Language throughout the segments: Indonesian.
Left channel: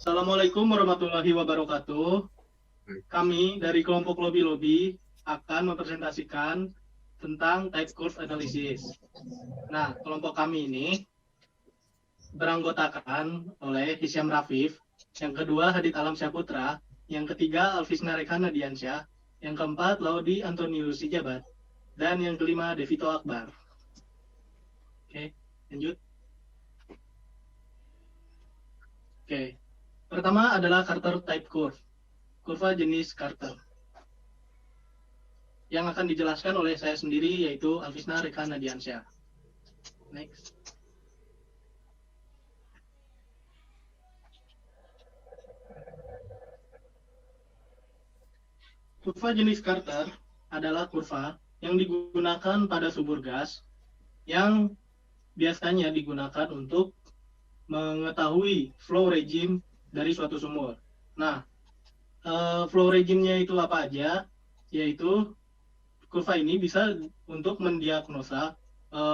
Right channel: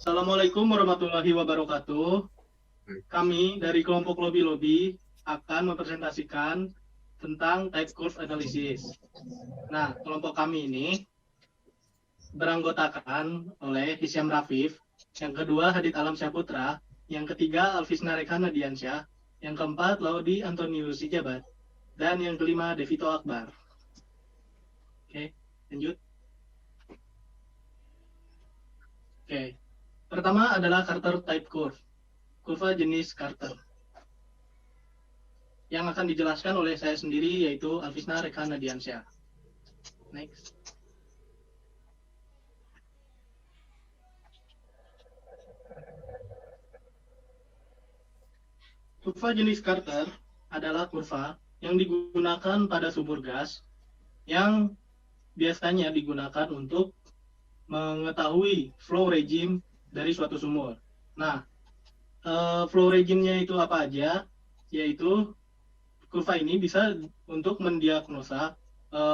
Assalamualaikum warahmatullahi wabarakatuh. Baik. Kami dari kelompok Lobby-Lobby akan mempresentasikan tentang type curve analysis. Nah, kelompok kami ini beranggotakan oleh Hisyam Rafif, yang kedua Hadid Alam Syahputra, yang ketiga Alvisna Rekana Diansyah, yang keempat Laudi Antonius Sijabat, dan yang kelima Devito Akbar. Oke, lanjut. Oke, pertama adalah Carter type curve, kurva jenis Carter, yang akan dijelaskan oleh saya sendiri yaitu Alvisna Rekana Diansyah. Next. Kurva jenis Carter adalah kurva yang digunakan pada sumur gas yang biasanya digunakan untuk mengetahui flow regime dari suatu sumur. Nah, flow regime-nya itu apa aja? Yaitu kurva ini bisa untuk mendiagnosa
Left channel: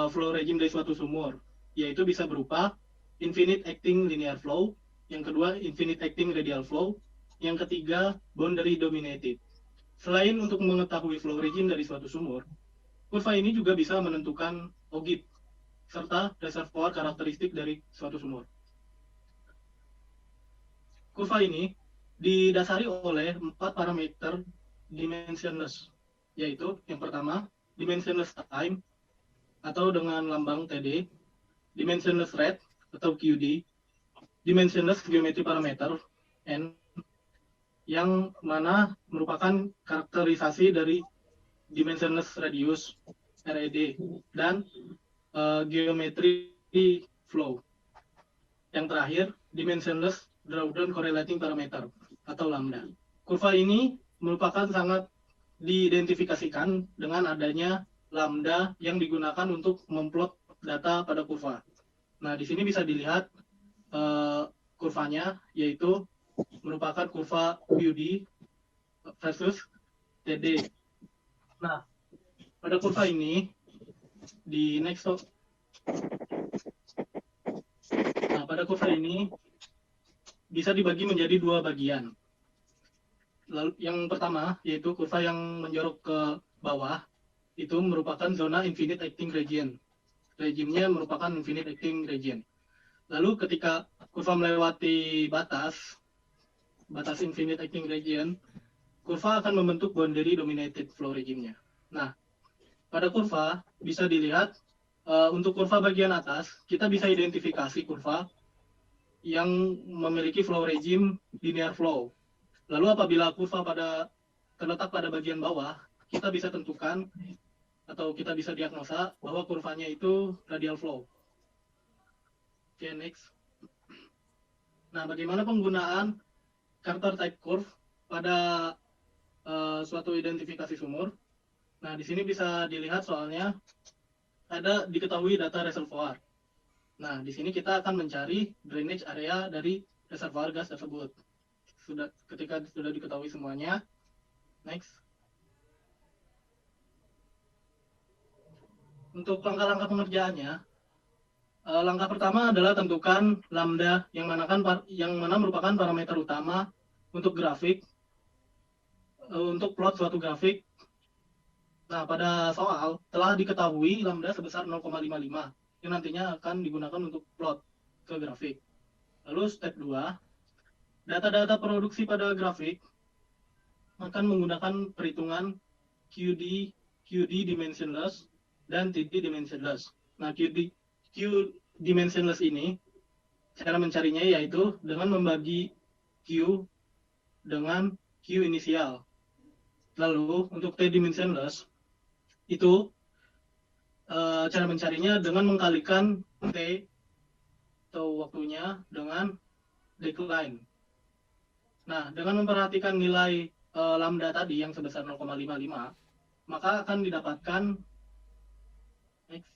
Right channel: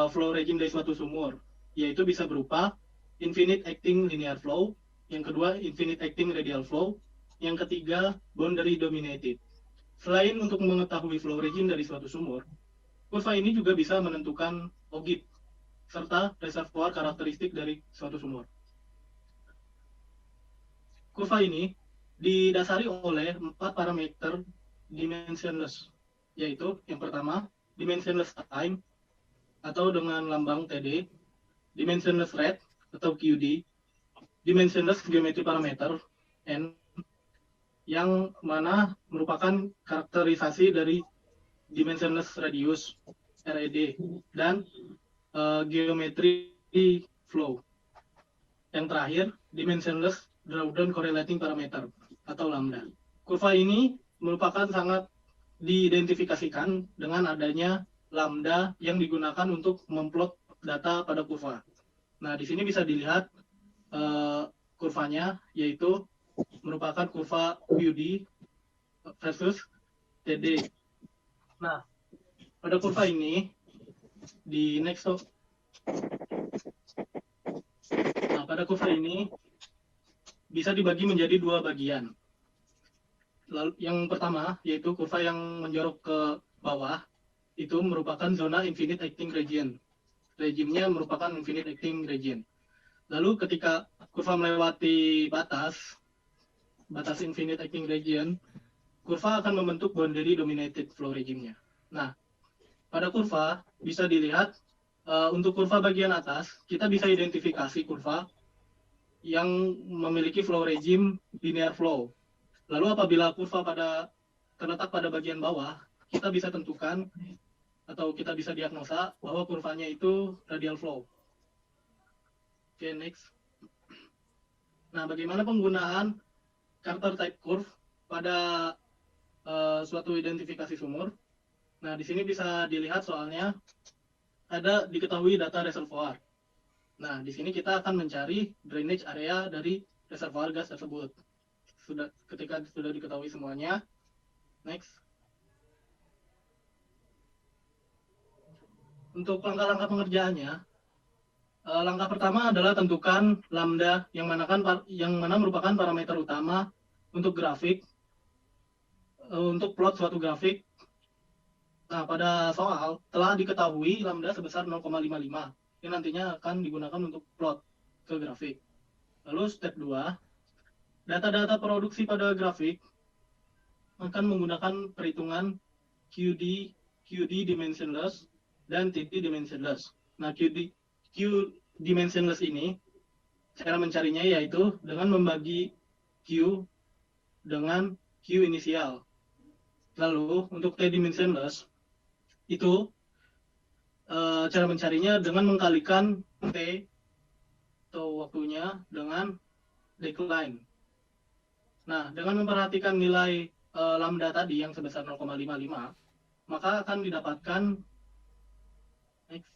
flow regime dari suatu sumur, yaitu bisa berupa infinite acting linear flow, yang kedua infinite acting radial flow, yang ketiga boundary dominated. Selain untuk mengetahui flow regime dari suatu sumur, kurva ini juga bisa menentukan OGIP serta reservoir karakteristik dari suatu sumur. Kurva ini didasari oleh 4 parameter dimensionless, yaitu yang pertama dimensionless time atau dengan lambang TD, dimensionless rate atau QD, dimensionless geometry parameter N, yang mana merupakan karakterisasi dari dimensionless radius RED, dan geometry flow. Yang terakhir, dimensionless drawdown correlating parameter atau lambda. Kurva ini merupakan sangat diidentifikasikan dengan adanya lambda yang digunakan untuk memplot data pada kurva. Nah, di sini bisa dilihat kurvanya, yaitu merupakan kurva QD versus TD. Nah, pada kurva ini di next. Nah, pada kurva ini bisa dibagi menjadi dua bagian. Lalu yang pertama yaitu kurva yang menjorok ke bawah, itu merupakan zona infinite acting region. Regimenya merupakan infinite acting region. Lalu ketika kurva melewati batas infinite acting region, kurva akan membentuk boundary dominated flow regimenya. Nah, pada kurva bisa dilihat untuk kurva bagian atas kita bisa identifikasi kurva yang memiliki flow regime linear flow. Lalu apabila kurva terletak pada bagian bawah, kita bisa tentukan atau kita bisa diagnosa bahwa kurvanya itu radial flow. Oke, next. Nah, bagaimana penggunaan Carter type curve pada suatu identifikasi sumur? Nah, di sini bisa dilihat soalnya ada diketahui data reservoir. Nah, di sini kita akan mencari drainage area dari reservoir gas tersebut. Ketika sudah diketahui semuanya, next. Untuk langkah-langkah pengerjaannya, langkah pertama adalah tentukan lambda yang mana merupakan parameter utama untuk grafik, untuk plot suatu grafik. Nah, pada soal telah diketahui lambda sebesar 0,55 yang nantinya akan digunakan untuk plot ke grafik. Lalu step 2, data-data produksi pada grafik akan menggunakan perhitungan QD, QD dimensionless, dan TD dimensionless. Nah, Q dimensionless ini cara mencarinya yaitu dengan membagi Q dengan Q inisial. Lalu untuk T dimensionless itu cara mencarinya dengan mengkalikan T atau waktunya dengan decline. Nah, dengan memperhatikan nilai lambda tadi yang sebesar 0,55, maka akan didapatkan next.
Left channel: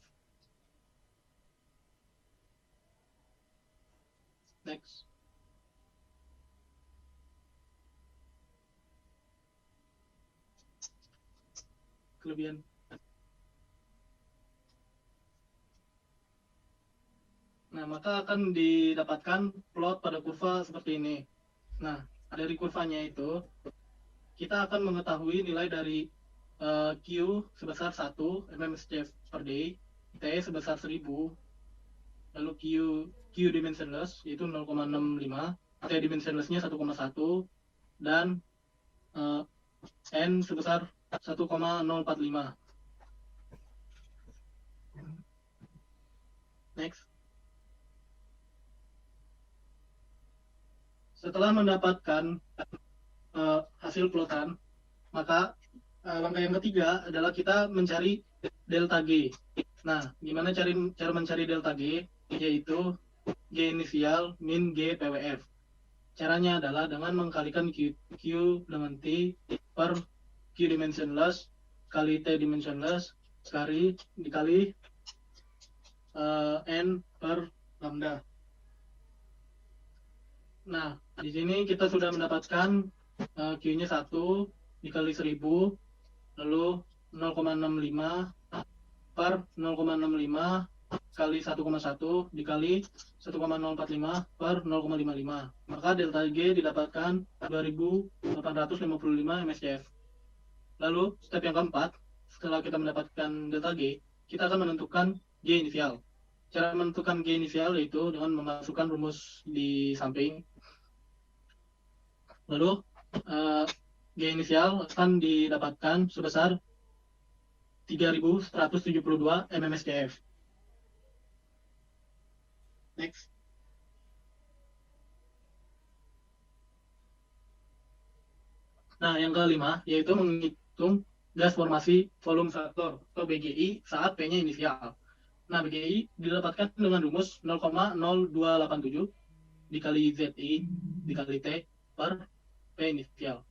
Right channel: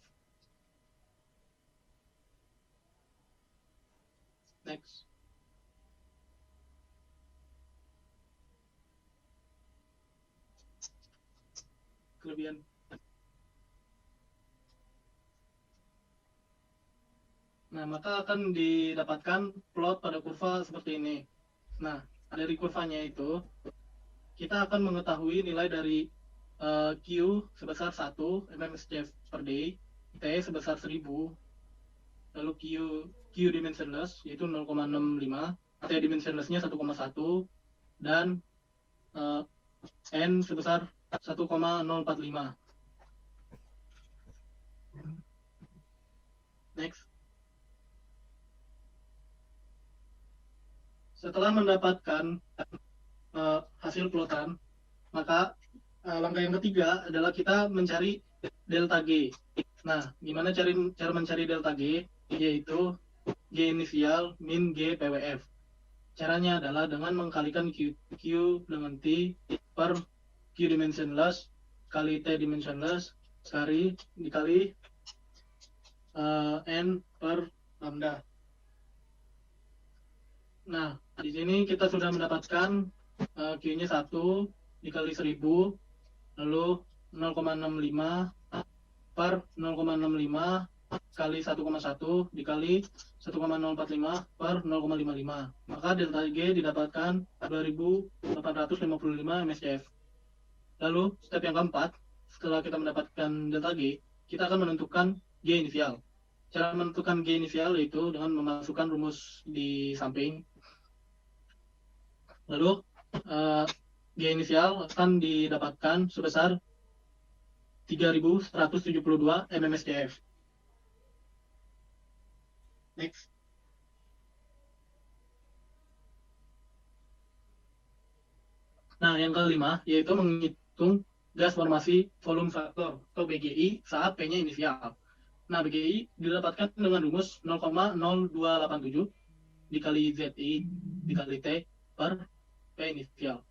Next. Kelebihan. Nah, maka akan didapatkan plot pada kurva seperti ini. Nah, dari kurvanya itu, kita akan mengetahui nilai dari Q sebesar 1 mmSCF per day, T sebesar 1000, lalu Q dimensionless yaitu 0,65, T dimensionlessnya 1,1, dan N sebesar 1,045. Next. Setelah mendapatkan hasil plotan, maka langkah yang ketiga adalah kita mencari delta G. Nah, gimana cara mencari delta G? Yaitu G inisial min G PWF. Caranya adalah dengan mengkalikan Q dengan T per Q dimensionless kali T dimensionless dikali N per lambda. Nah, di sini kita sudah mendapatkan Q-nya 1 dikali 1000, lalu 0,65 per 0,65 kali 1,1 dikali 1,045 per 0,55. Maka delta G didapatkan 2855 mSCF. Lalu step yang keempat, setelah kita mendapatkan delta G, kita akan menentukan G inisial. Cara menentukan G inisial yaitu dengan memasukkan rumus di samping. Lalu G inisial akan didapatkan sebesar 3172 mmSCF. Next. Nah, yang kelima yaitu menghitung gas formasi volume faktor atau BGI saat P-nya inisial. Nah, BGI didapatkan dengan rumus 0,0287 dikali ZI dikali T per P inisial.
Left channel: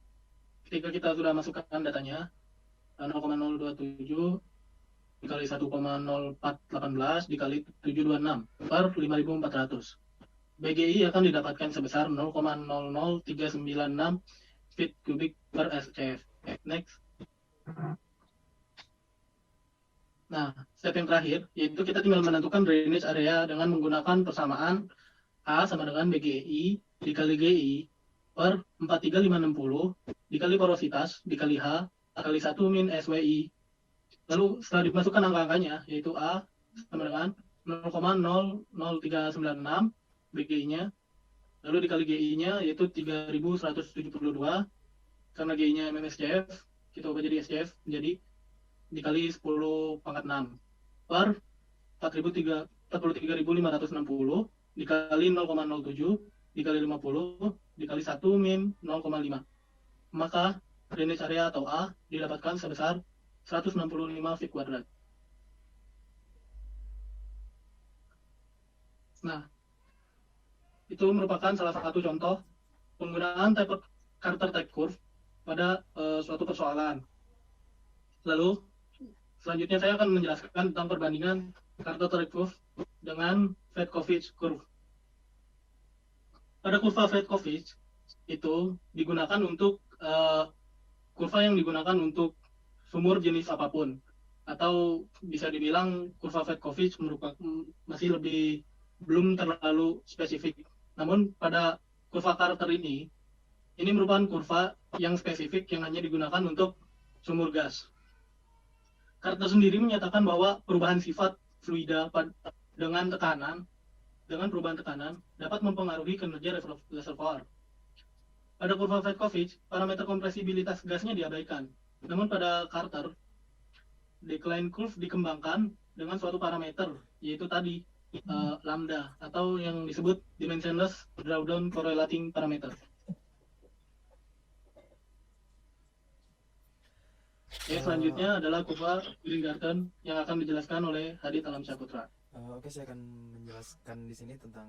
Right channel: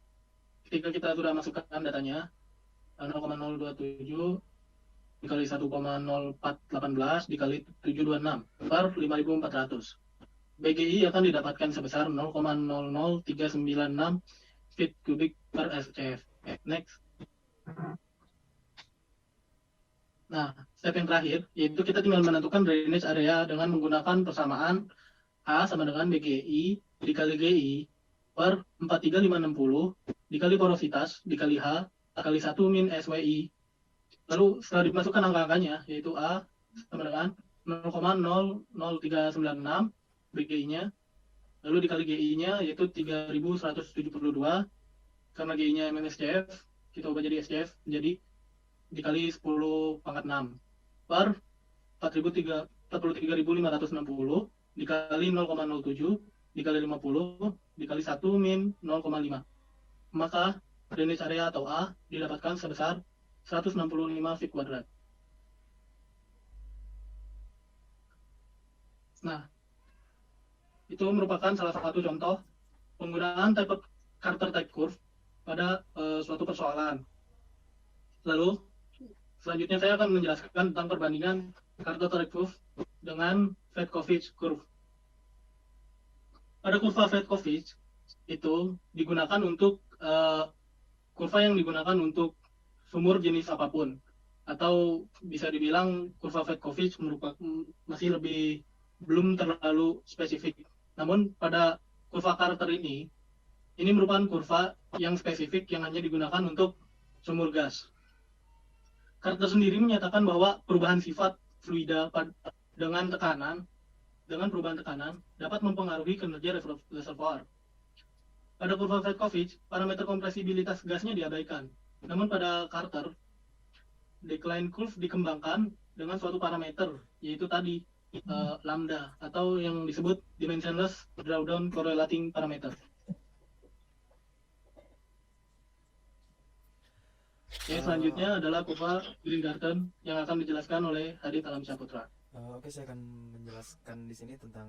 Ketika kita sudah masukkan datanya, 0,027 dikali 1,0418 dikali 726 per 5400. BGI akan didapatkan sebesar 0,00396 feet kubik per SCF. Next. Nah, step yang terakhir yaitu kita tinggal menentukan drainage area dengan menggunakan persamaan A sama dengan BGI dikali GI per 43560 dikali porositas dikali H kali 1 min SWI. Lalu setelah dimasukkan angka-angkanya yaitu A sama dengan 0,00396 BGI-nya, lalu dikali GI-nya yaitu 3172, karena GI-nya mmSCF kita ubah jadi SCF menjadi dikali 10 pangkat 6 per 43.560 dikali 0,07 dikali 50 dikali 1 min 0,5. Maka drainage area atau A didapatkan sebesar 165 feet kuadrat. Nah, itu merupakan salah satu contoh penggunaan Carter type curve pada suatu persoalan. Lalu selanjutnya saya akan menjelaskan tentang perbandingan Carter type curve dengan Fedkovich curve. Pada kurva Fedkovich itu digunakan untuk kurva yang digunakan untuk sumur jenis apapun, atau bisa dibilang kurva Fedkovich masih belum terlalu spesifik. Namun pada kurva Carter ini merupakan kurva yang spesifik yang hanya digunakan untuk sumur gas. Carter sendiri menyatakan bahwa perubahan sifat fluida dengan perubahan tekanan dapat mempengaruhi kinerja reservoir. Pada kurva Fedkovich, parameter kompresibilitas gasnya diabaikan. Namun pada Carter, decline curve dikembangkan dengan suatu parameter, yaitu tadi lambda atau yang disebut dimensionless drawdown correlating parameter. Selanjutnya adalah kurva Green-Garten yang akan dijelaskan oleh Hadid Alamsyahputra. Oke, saya akan menjelaskan di sini tentang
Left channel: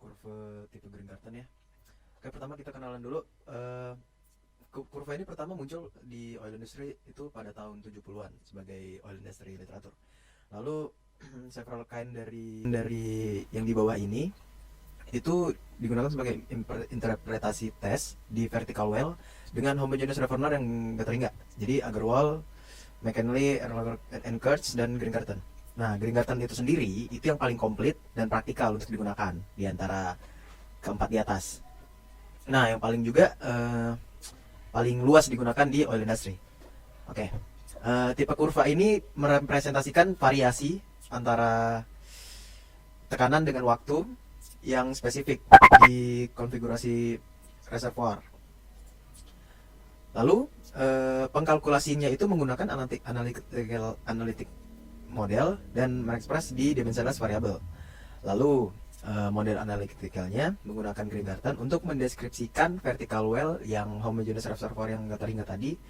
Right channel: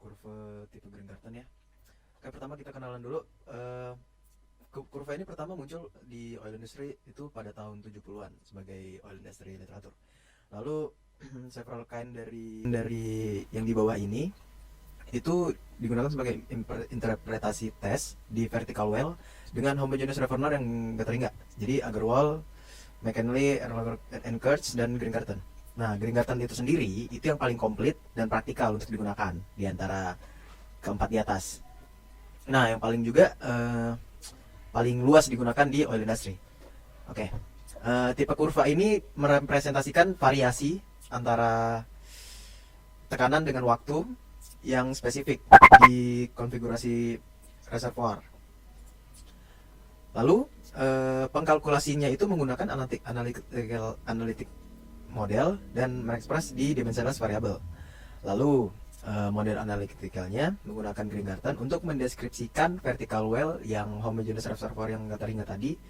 kurva tipe Green-Garten ya. Oke, pertama kita kenalan dulu. Kurva ini pertama muncul di oil industry itu pada tahun 70-an sebagai oil industry literatur. Lalu several kind dari yang di bawah ini itu digunakan sebagai interpretasi tes di vertical well dengan homogeneous reservoir yang gak teringat. Jadi Agarwal, McKinley, Erlanger and Kurtz dan Green-Garten. Nah, Green Garden itu sendiri itu yang paling komplit dan praktikal untuk digunakan di antara keempat di atas. Nah, yang paling juga paling luas digunakan di oil industry. Oke. Tipe kurva ini merepresentasikan variasi antara tekanan dengan waktu yang spesifik di konfigurasi reservoir. Lalu pengkalkulasinya itu menggunakan analytic model dan mengekspres di dimensionless variable. Lalu model analyticalnya menggunakan Green Garden untuk mendeskripsikan vertical well yang homogeneous reservoir yang teringat tadi,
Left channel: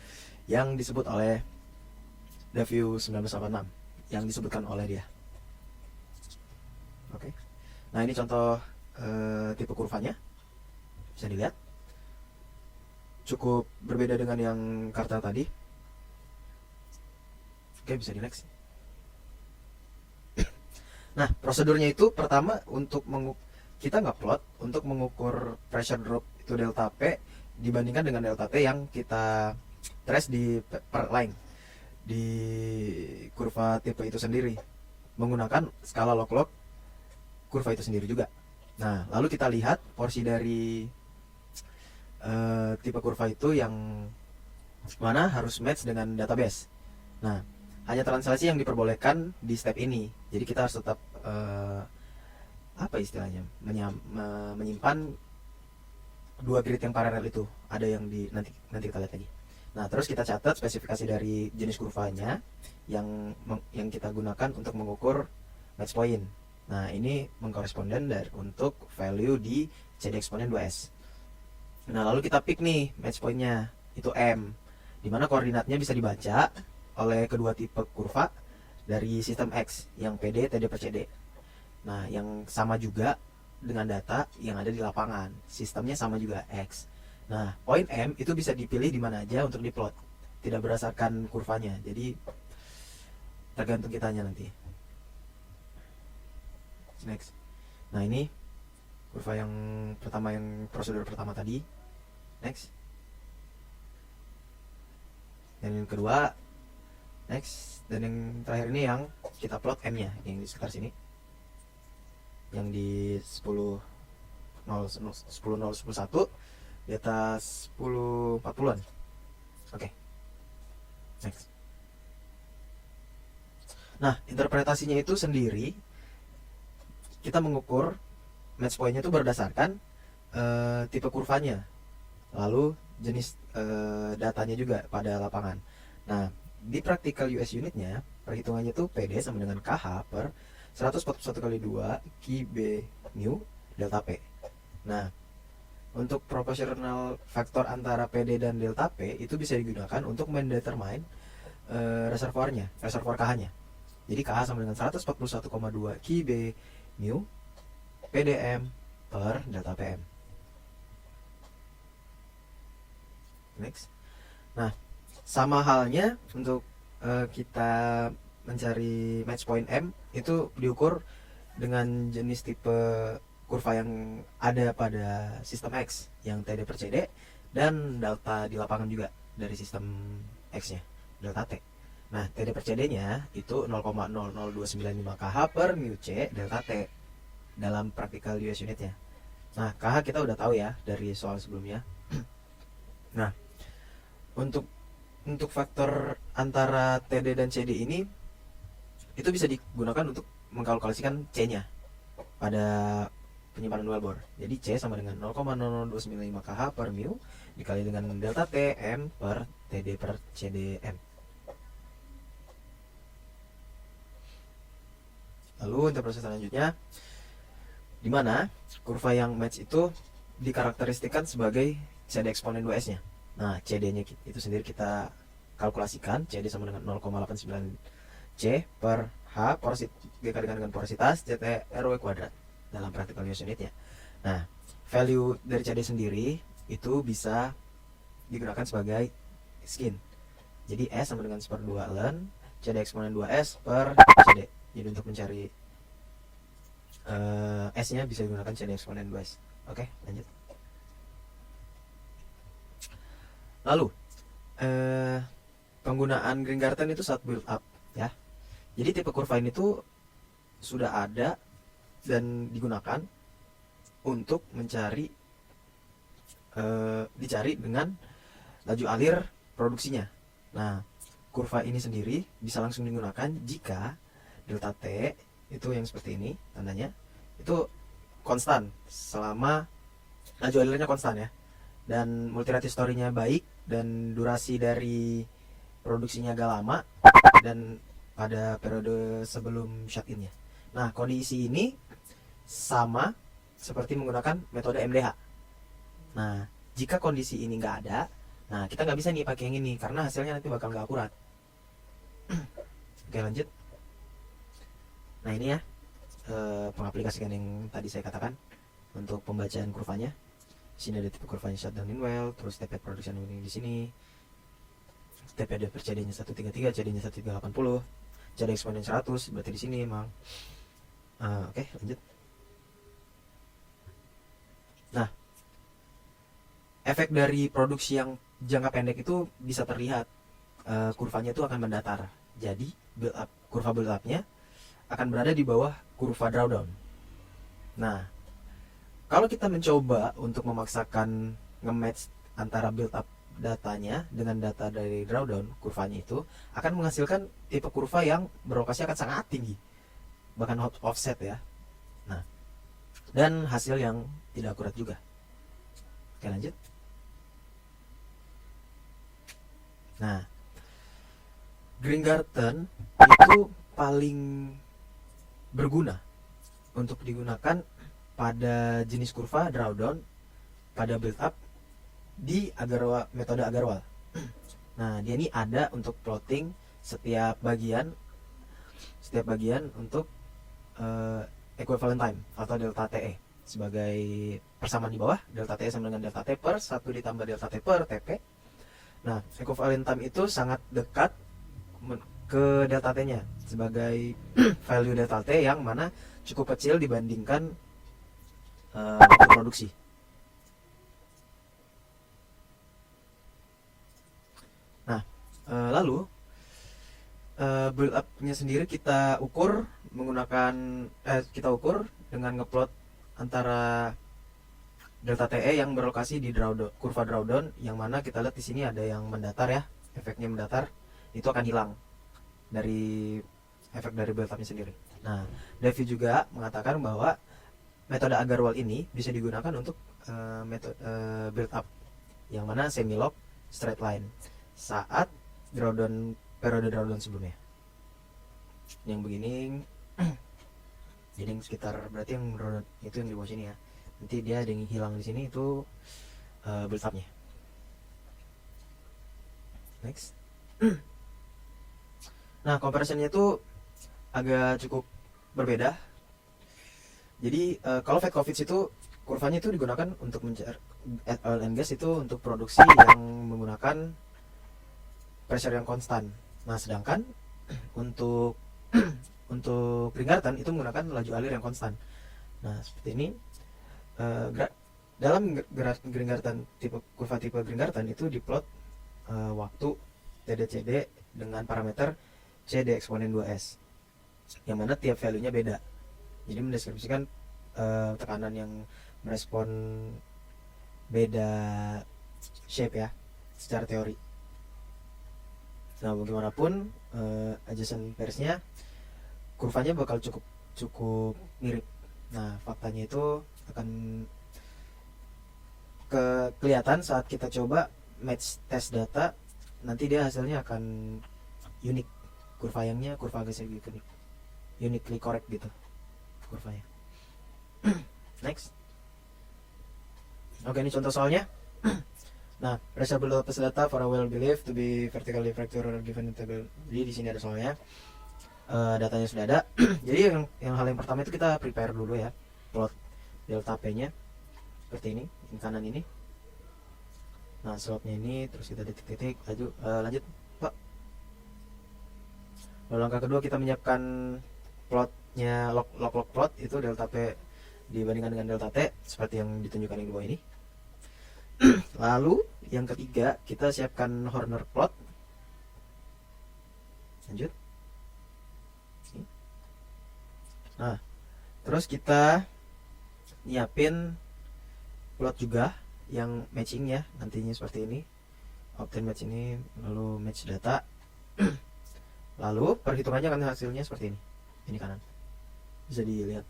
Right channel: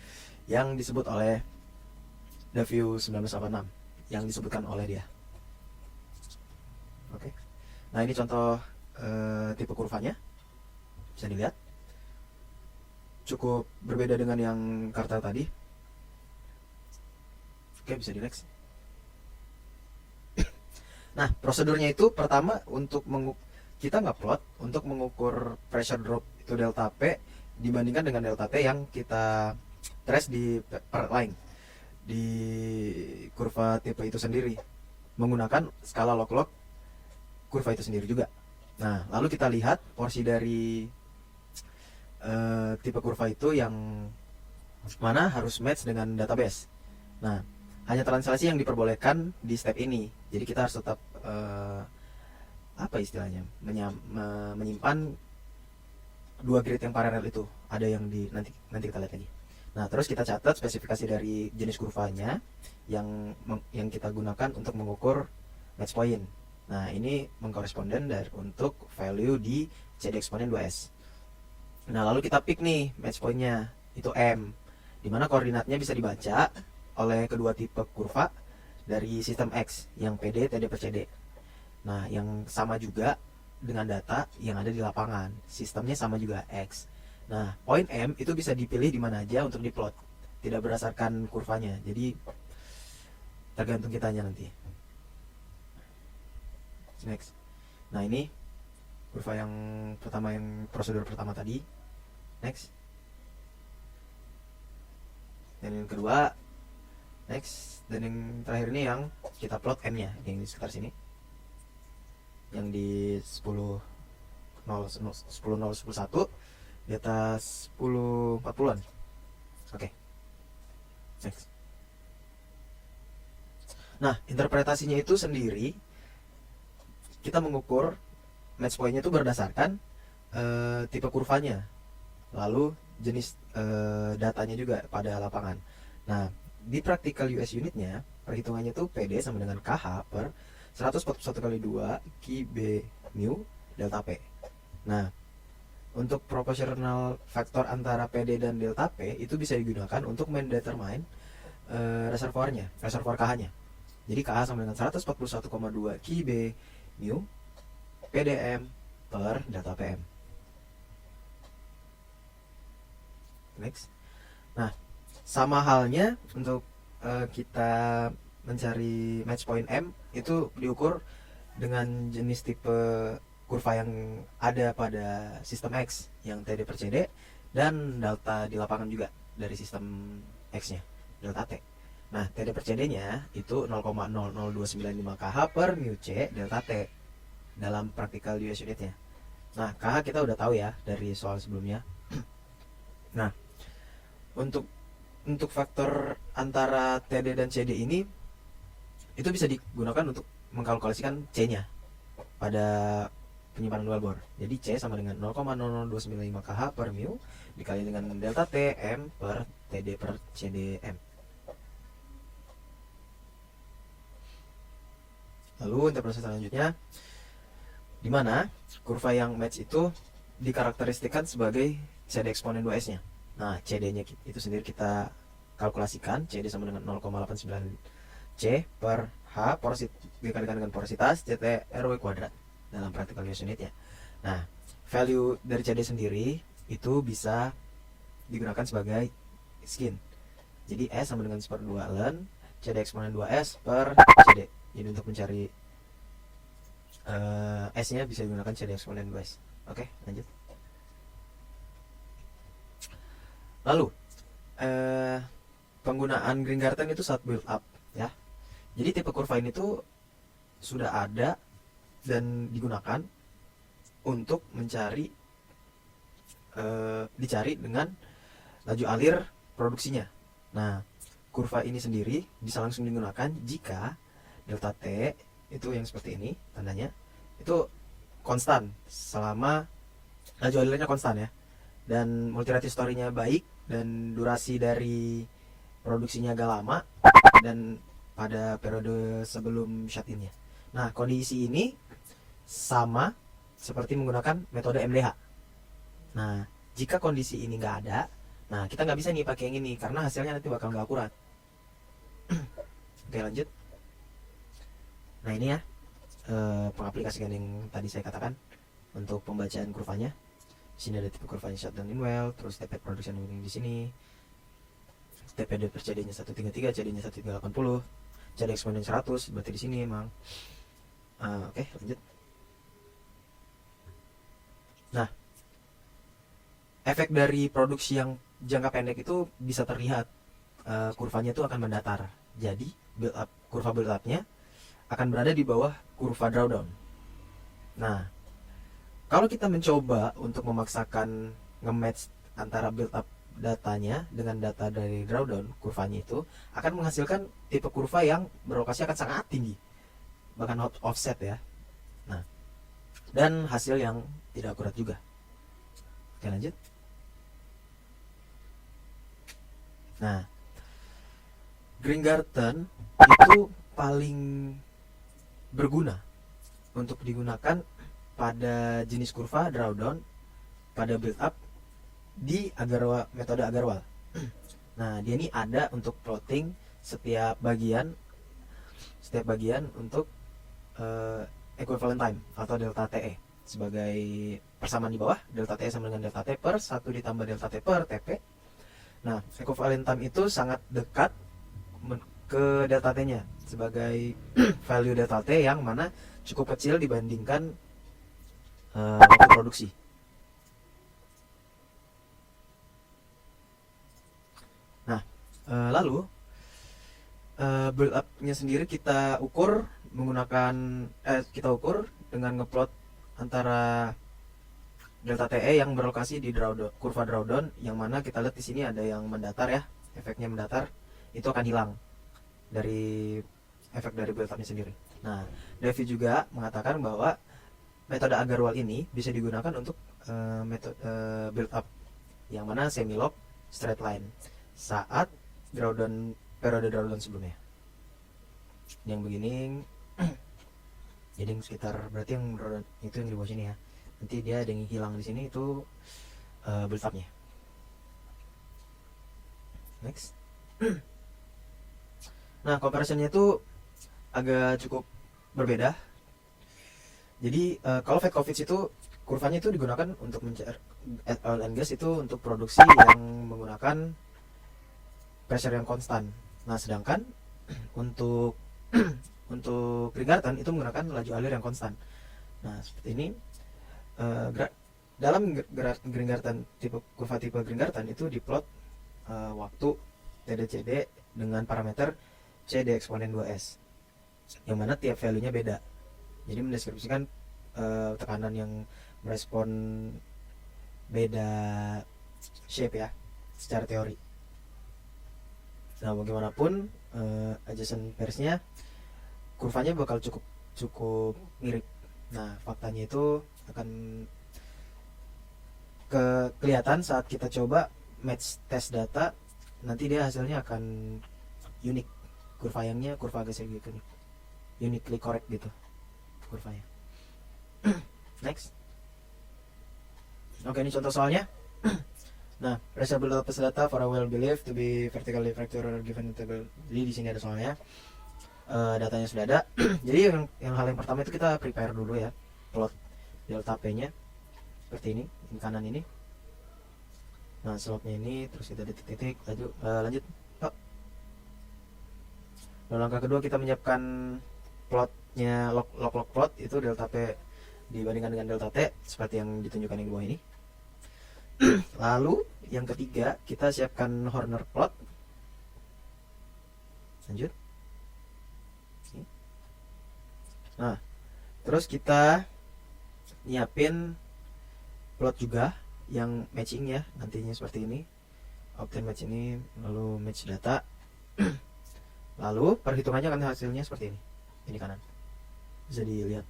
yang disebut oleh Daview 1986, yang disebutkan oleh dia. Oke. Nah, ini contoh tipe kurvanya, bisa dilihat cukup berbeda dengan yang kartel tadi. Oke, bisa di next. Nah, prosedurnya itu pertama untuk kita nggak plot untuk mengukur pressure drop itu delta P dibandingkan dengan delta T yang kita trace di per line di kurva tipe itu sendiri menggunakan skala log-log kurva itu sendiri juga. Nah, lalu kita lihat porsi dari tipe kurva itu yang mana harus match dengan database. Nah, hanya translasi yang diperbolehkan di step ini. Jadi kita harus tetap apa istilahnya, menyimpan dua grid yang paralel itu. Ada yang di nanti kita lihat lagi. Nah, terus kita catat spesifikasi dari jenis kurvanya yang kita gunakan untuk mengukur match point. Nah, ini mengkoresponden untuk value di CD eksponen 2S. Nah, lalu kita pick nih match pointnya, itu M, dimana koordinatnya bisa dibaca oleh kedua tipe kurva dari sistem X yang PD TD per CD. Nah, yang sama juga dengan data yang ada di lapangan, sistemnya sama juga X. Nah, poin M itu bisa dipilih di mana aja untuk diplot, tidak berdasarkan kurvanya, jadi tergantung kitanya nanti. Next. Nah, ini kurva yang pertama, yang prosedur pertama tadi. Next. Dan yang kedua, next. Dan yang terakhir ini yang kita plot M nya, yang di sekitar sini, yang di 10.011 di atas 10.40an. Oke. Next. Nah, interpretasinya itu sendiri kita mengukur match point-nya itu berdasarkan tipe kurvanya, lalu jenis datanya juga pada lapangan. Nah, di practical US unitnya perhitungannya itu PD sama dengan KH per 141 kali 2 Q B mu delta P. Nah, untuk proportional faktor antara PD dan delta P itu bisa digunakan untuk mendetermine reservoir KH-nya. Jadi KH sama dengan 141,2 Q B mu PDM per delta PM. Next. Nah, sama halnya untuk kita mencari match point M itu diukur dengan jenis tipe kurva yang ada pada sistem X yang TD per CD dan delta di lapangan juga dari sistem X nya, delta T. Nah, TD per CD nya itu 0,00295 kH per mu C delta T dalam practical US unitnya. Nah, KH kita udah tahu ya dari soal sebelumnya. Nah, untuk faktor antara TD dan CD ini itu bisa digunakan untuk mengkalkulasikan C-nya pada penyimpanan wellbore. Jadi C sama dengan 0,00295 kH per mu dikali dengan delta T M per TD per CDM. Lalu interpretasi selanjutnya, di mana kurva yang match itu dikarakteristikan sebagai CD eksponen 2S-nya. Nah, CD-nya itu sendiri kita kalkulasikan, CD sama dengan 0,89 C per H dikalikan dengan porositas CT RW kuadrat dalam practical US unitnya. Nah, value dari CD sendiri itu bisa digunakan sebagai skin. Jadi S sama dengan 1/2 ln CD eksponen 2S per CD. Jadi untuk mencari S nya bisa digunakan CD eksponen 2S. Oke, lanjut. Lalu penggunaan Green Garden itu saat build up ya. Jadi tipe kurva ini tuh sudah ada dan digunakan untuk dicari dengan laju alir produksinya. Nah, kurva ini sendiri bisa langsung digunakan jika delta T itu yang seperti ini tandanya itu konstan selama laju alirnya konstan ya, dan multirate story-nya baik dan durasi dari produksinya agak lama dan pada periode sebelum shut-in-nya. Nah, kondisi ini sama seperti menggunakan metode MDH. Nah, jika kondisi ini nggak ada, nah kita nggak bisa nih pakai yang ini karena hasilnya nanti bakal nggak akurat. Oke, lanjut. Nah, ini ya pengaplikasian yang tadi saya katakan untuk pembacaan kurvanya. Di sini ada tipe kurvanya shutdown in well, terus TP production ini di sini. TPD per CD-nya 133, CD-nya 1380, CD eksponen 100, berarti di sini emang. Oke, lanjut. Nah, efek dari produksi yang jangka pendek itu bisa terlihat, kurvanya itu akan mendatar. Jadi kurva build up-nya akan berada di bawah kurva drawdown. Nah, kalau kita mencoba untuk memaksakan nge-match antara build up datanya dengan data dari drawdown, kurvanya itu akan menghasilkan tipe kurva yang berlokasi akan sangat tinggi, bahkan offset ya. Nah, dan hasil yang tidak akurat juga. Oke, lanjut. Nah, Greengarten itu paling berguna untuk digunakan pada jenis kurva drawdown pada build up di metode Agarwal. Nah, dia ini ada untuk plotting setiap bagian untuk equivalent time atau delta TE sebagai persamaan di bawah. Delta TE sama dengan delta T per 1 ditambah delta T per TP. Nah, equivalent time itu sangat dekat ke delta T-nya sebagai value delta T yang mana cukup kecil dibandingkan waktu produksi. Nah, lalu build up-nya sendiri kita ukur dengan ngeplot antara delta TE yang berlokasi di kurva drawdown, yang mana kita lihat di sini ada yang mendatar ya, efeknya mendatar, itu akan hilang dari efek dari build up-nya sendiri. Nah, Davy juga mengatakan bahwa metode Agarwal ini bisa digunakan untuk metode build up yang mana semi log straight line saat periode drawdown sebelumnya. Yang begini jadi sekitar, berarti yang drawdown itu yang di bawah sini ya. Nanti dia ada yang hilang di sini, itu build up-nya. Next. Nah, comparison-nya itu agak cukup berbeda. Jadi kalau fat coffee itu kurvanya itu digunakan untuk mencari oil and gas itu untuk produksi yang menggunakan pressure yang konstan. Nah, sedangkan untuk Greengarten itu menggunakan laju alir yang konstan. Nah, seperti ini. Dalam Greengarten kurva tipe Greengarten itu diplot waktu TDCD dengan parameter CD eksponen 2S, yang mana tiap value-nya beda. Jadi mendeskripsikan tekanan yang merespon beda shape ya secara teori. Nah, bagaimanapun adjacent pairs-nya kurvanya bakal cukup mirip. Nah, faktanya itu akan kelihatan saat kita coba match test data. Nanti dia hasilnya akan unik, kurva agak sedikit uniquely correct gitu kurvanya. Next. Oke, ini contoh soalnya. Nah, pressure build up data for a well believed to be vertically fracture given table. Jadi di sini ada soalnya. Datanya sudah ada. Jadi yang hal yang pertama itu kita prepare dulu ya, plot delta P-nya seperti ini kanan ini. Nah, slope-nya ini, terus kita titik-titik, lanjut. Lalu langkah kedua kita menyiapkan plotnya, log plot itu delta P dibandingkan dengan delta T seperti yang ditunjukkan yang di bawah ini. Lalu yang ketiga kita siapkan Horner plot. Lanjut. Nah, terus kita nyiapin plot juga yang matching ya, nantinya seperti ini. Obtain match ini, lalu match data. Lalu perhitungannya kan hasilnya seperti ini. Ini kanan. Bisa dilihat.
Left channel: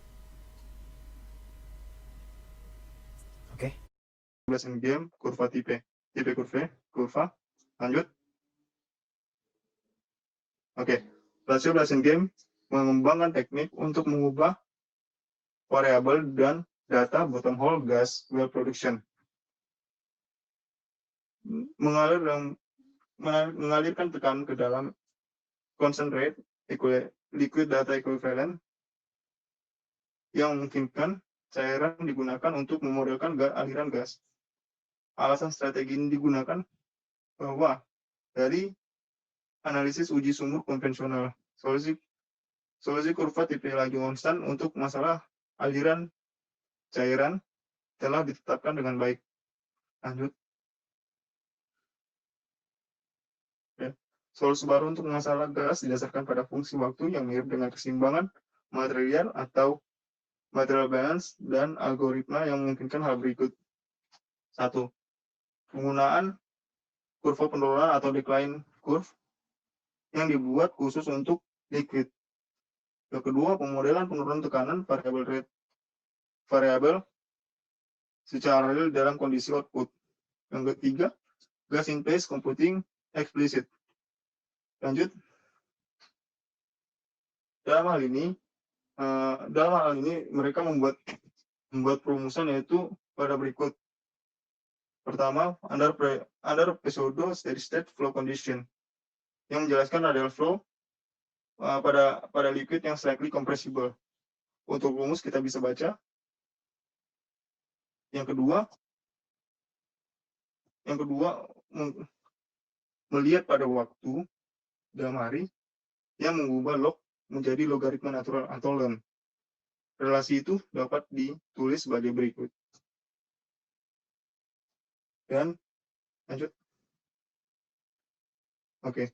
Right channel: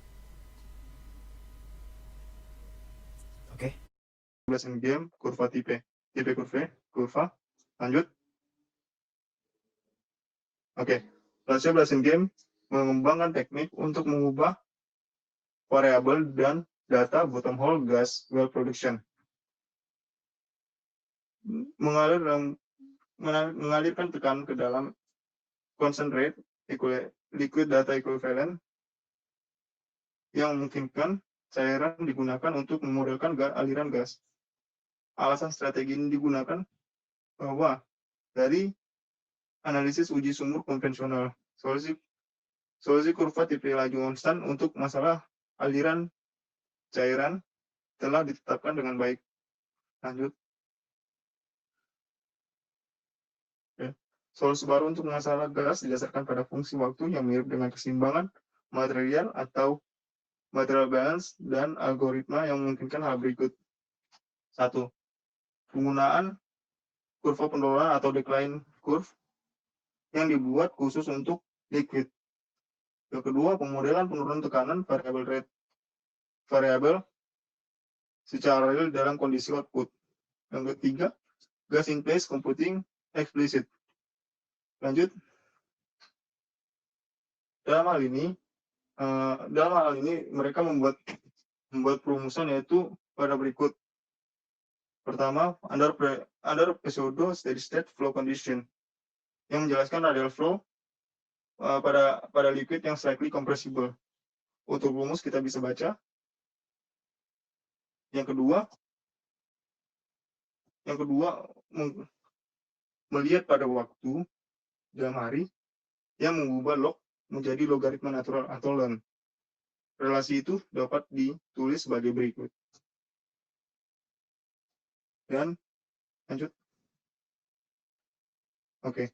Oke. Blessing game, kurva tipe kurva. Lanjut. Oke. Rasio Blessing game mengembangkan teknik untuk mengubah variabel dan data bottom hole gas well production. Mengalirkan tekanan ke dalam concentrate liquid data equivalent yang memungkinkan cairan digunakan untuk memodelkan aliran gas. Alasan strategi ini digunakan bahwa dari analisis uji sumur konvensional, solusi kurva tipe laju konstan untuk masalah aliran cairan telah ditetapkan dengan baik. Lanjut. Ya. Solusi baru untuk masalah gas didasarkan pada fungsi waktu yang mirip dengan keseimbangan material atau material balance dan algoritma yang memungkinkan hal berikut. 1. Penggunaan kurva penurunan atau decline curve yang dibuat khusus untuk liquid. Yang kedua, pemodelan penurunan tekanan variabel secara real dalam kondisi output. Yang ketiga, gas in place computing explicit. Lanjut. Dalam hal ini mereka membuat perumusan yaitu pada berikut. Pertama, under pseudo steady state flow condition yang menjelaskan radial flow pada liquid yang slightly compressible. Untuk rumus kita bisa baca. Yang kedua melihat pada waktu dalam hari yang mengubah log menjadi logaritma natural atau ln. Relasi itu dapat ditulis sebagai berikut. Dan lanjut. Oke.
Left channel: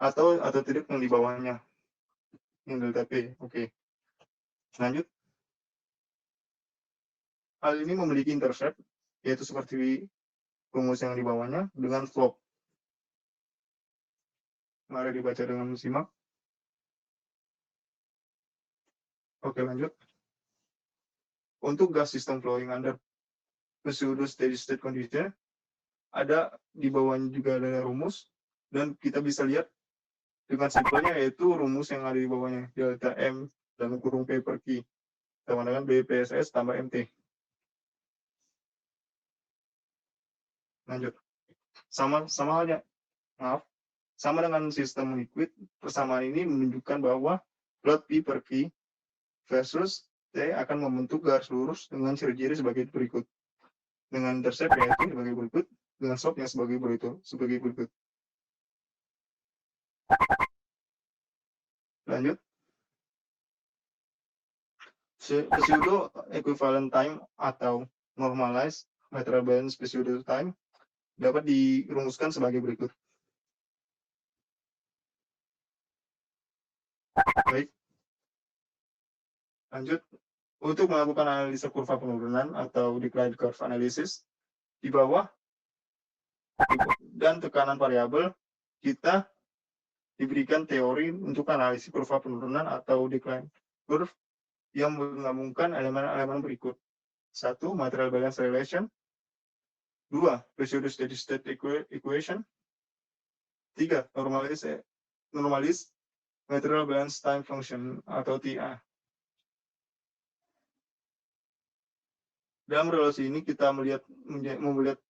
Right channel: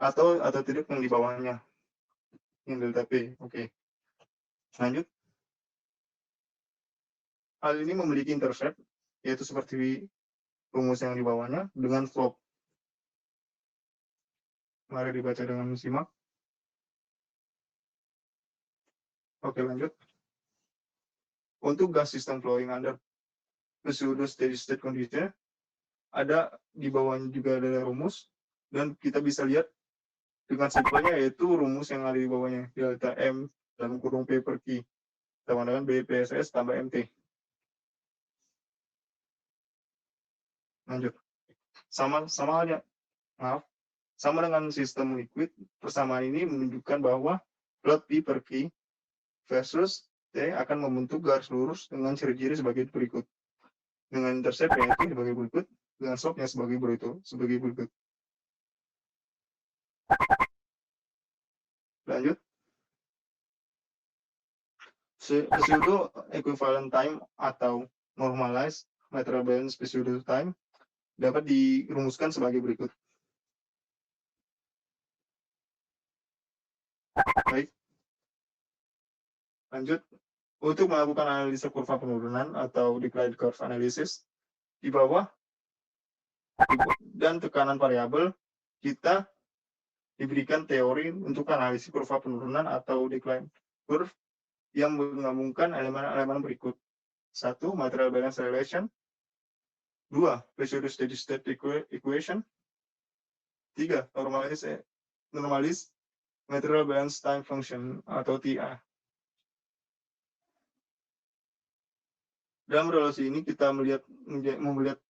Atau tidak yang di bawahnya. Yang delta P. Oke. Lanjut. Hal ini memiliki intercept, yaitu seperti rumus yang di bawahnya, dengan slope. Mari dibaca dengan simak. Oke, lanjut. Untuk gas system flowing under pseudo steady state condition, ada di bawahnya juga ada rumus, dan kita bisa lihat dengan simpelnya yaitu rumus yang ada di bawahnya, delta M dalam kurung P per Q sama dengan BPSS tambah MT. Lanjut. Sama dengan sistem liquid, persamaan ini menunjukkan bahwa plot P per Q versus T akan membentuk garis lurus dengan ciri-ciri sebagai berikut. Dengan intercept yaitu sebagai berikut, dengan slope yang sebagai berikut. Lanjut. Pseudo equivalent time atau normalized material balance pseudo time dapat dirumuskan sebagai berikut. Baik. Lanjut. Untuk melakukan analisa kurva penurunan atau decline curve analysis di bawah dan tekanan variabel, kita diberikan teori untuk analisis kurva penurunan atau decline curve yang menggabungkan elemen-elemen berikut. 1. Material balance relation. 2. Pseudo steady state equation. 3. Normalized material balance time function atau TA. Dalam relasi ini kita melihat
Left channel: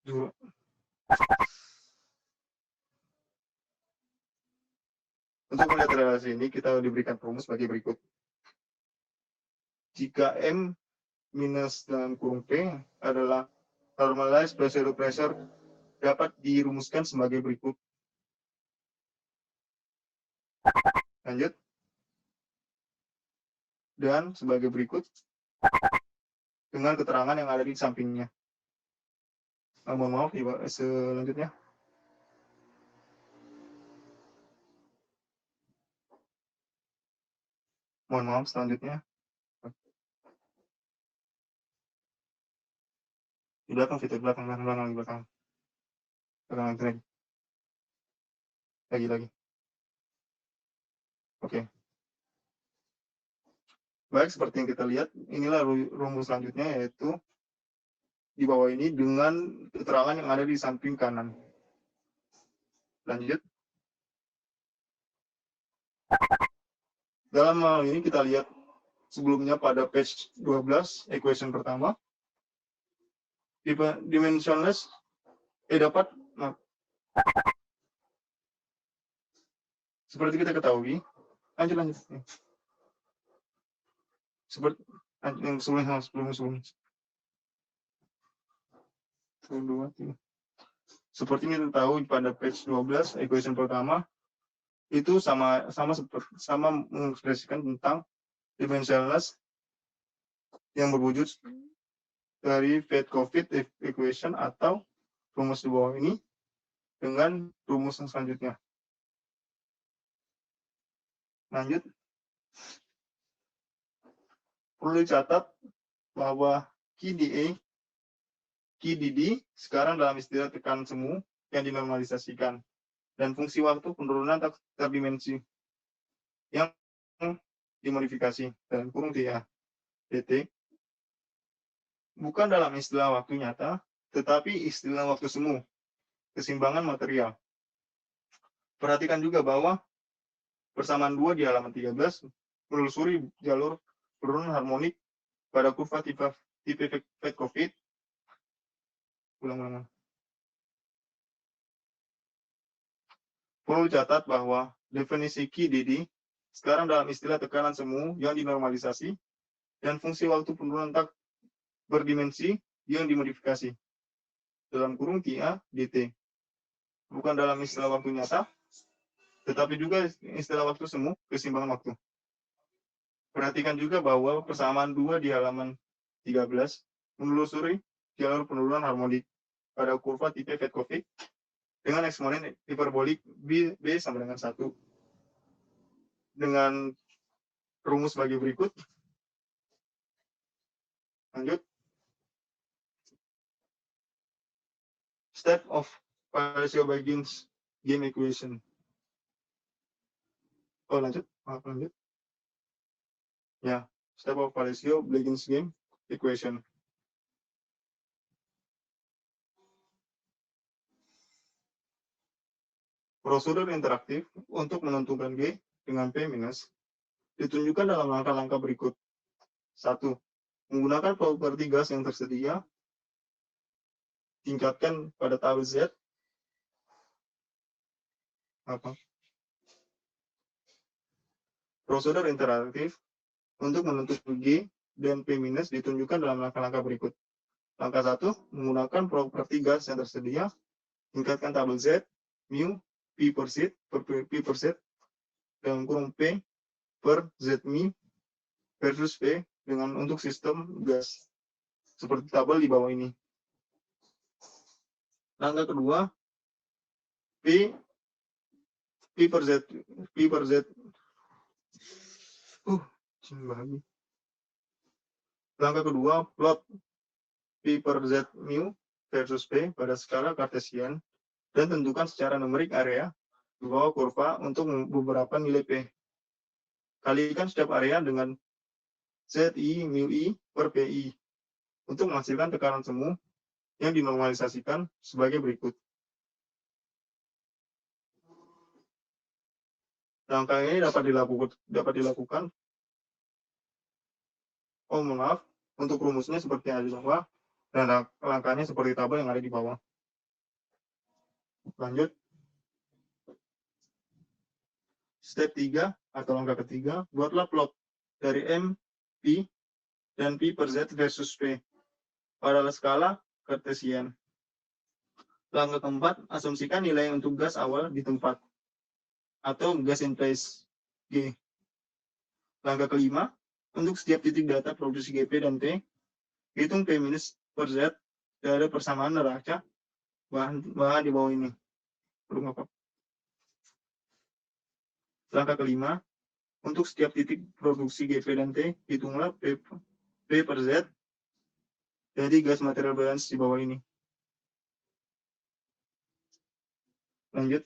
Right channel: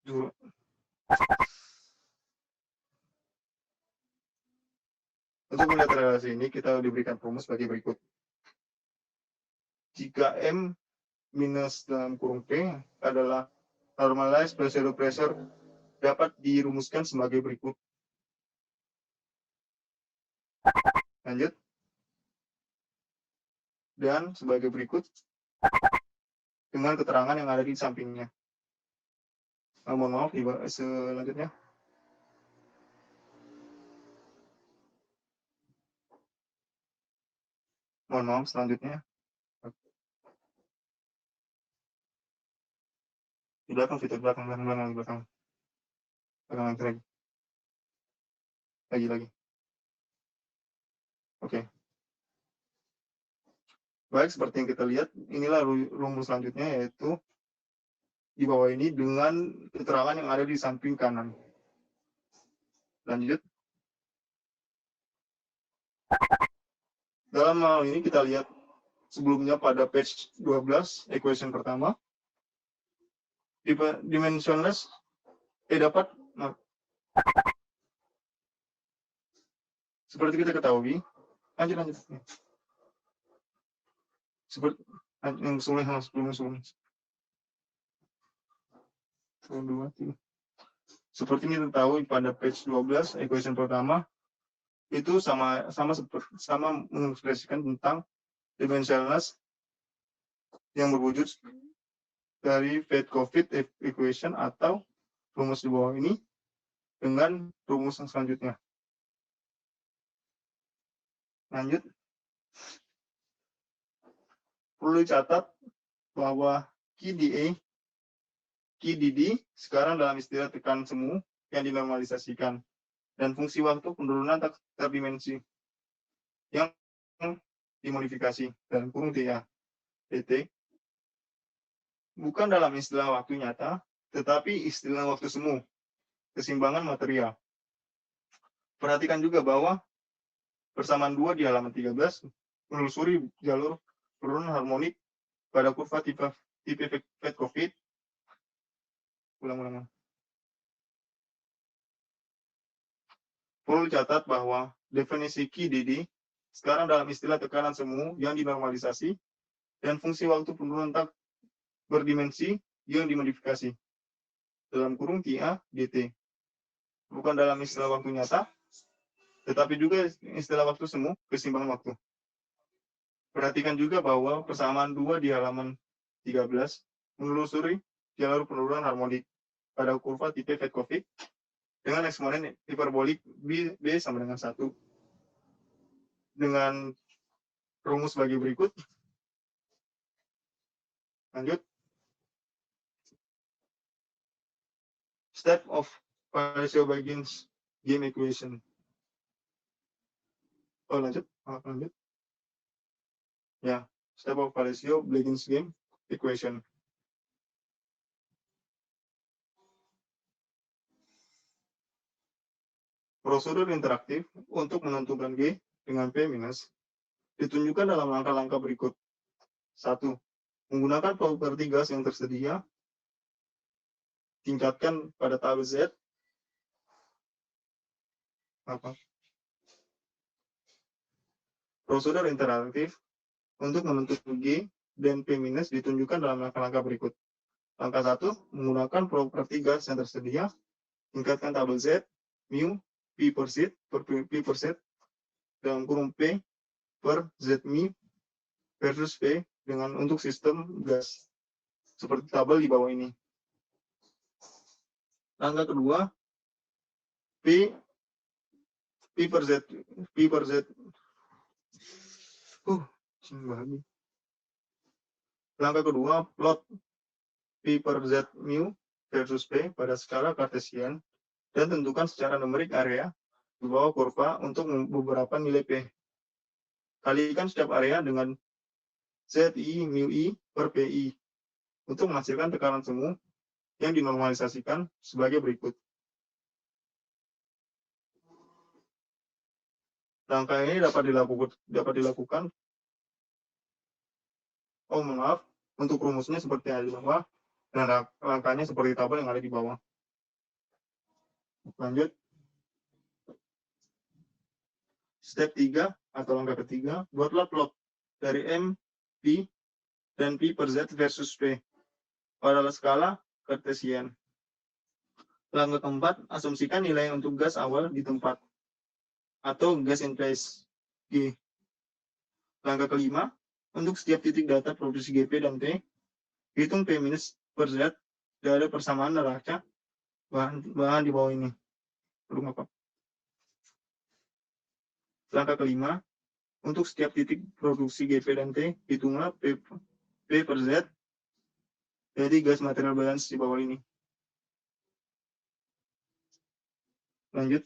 dulu. Untuk melihat relasi ini kita diberikan rumus sebagai berikut. Jika M minus dalam kurung P adalah normalized pressure dapat dirumuskan sebagai berikut. Lanjut. Dan sebagai berikut dengan keterangan yang ada di sampingnya. Mohon maaf, selanjutnya. Mohon maaf, selanjutnya. Di belakang, feedback belakang, belakang. Lagi. Oke. Baik, seperti yang kita lihat, inilah rumus selanjutnya, yaitu di bawah ini dengan keterangan yang ada di samping kanan. Lanjut. Dalam hal ini kita lihat sebelumnya pada page 12, equation pertama, dimensionless dapat, seperti kita ketahui, lanjut. Seperti yang sebelum. Seperti ini kita tahu pada page 12, equation pertama, itu sama mengekspresikan tentang dimensionless yang berwujud dari Fed-Covid equation atau rumus di bawah ini dengan rumus yang selanjutnya. Lanjut. Perlu dicatat bahwa QDA, QDD sekarang dalam istilah tekan semu yang dinormalisasikan, dan fungsi waktu penurunan terdimensi yang dimodifikasi dalam kurung TA dt bukan dalam istilah waktu nyata, tetapi istilah waktu semu, keseimbangan material. Perhatikan juga bahwa persamaan 2 di halaman 13 menelusuri jalur penurunan harmonik pada kurva tipe Fed-Covid. Ulang. Perlu dicatat bahwa definisi QDD sekarang dalam istilah tekanan semu yang dinormalisasi dan fungsi waktu penurunan tak berdimensi yang dimodifikasi dalam kurung TA dt, bukan dalam istilah waktu nyata, tetapi juga istilah waktu semu, keseimbangan waktu. Perhatikan juga bahwa persamaan 2 di halaman 13 menelusuri jalur penurunan harmonik pada kurva tipe Fed-Covid dengan eksponen hiperbolik B sama dengan 1 dengan rumus bagi berikut. Lanjut. Step of Palacio-Huygens game equation. Lanjut. Ya, step of Palacio-Huygens game equation. Prosedur interaktif untuk menentukan G dengan P minus ditunjukkan dalam langkah-langkah berikut. 1. Menggunakan properti gas yang tersedia, tingkatkan pada tabel Z. Prosedur interaktif untuk menentukan G dan P minus ditunjukkan dalam langkah-langkah berikut. Langkah 1, menggunakan properti gas yang tersedia, tingkatkan tabel Z, mu, P per Z, dalam kurung P per Z mi versus P dengan untuk sistem gas. Seperti tabel di bawah ini. Langkah kedua, P per Z. Langkah kedua, plot P per Z mu versus P pada skala Cartesian dan tentukan secara numerik area di bawah kurva untuk beberapa nilai P. Kalikan setiap area dengan ZI mu I per PI untuk menghasilkan tekanan semu yang dinormalisasikan sebagai berikut. Langkah ini dapat dilakukan. Untuk rumusnya seperti yang ada di bawah, dan langkahnya seperti tabel yang ada di bawah. Lanjut. Step 3 atau langkah ketiga, buatlah plot dari M, P, dan P per Z versus P pada skala Cartesian. Langkah keempat, asumsikan nilai untuk gas awal di tempat atau gas in place G. Langkah kelima, untuk setiap titik data produksi GP dan T, hitung P minus per Z dari persamaan neraca bahan di bawah ini. Langkah kelima, untuk setiap titik produksi GP dan T, hitunglah P per Z Jadi gas material balance di bawah ini. Lanjut.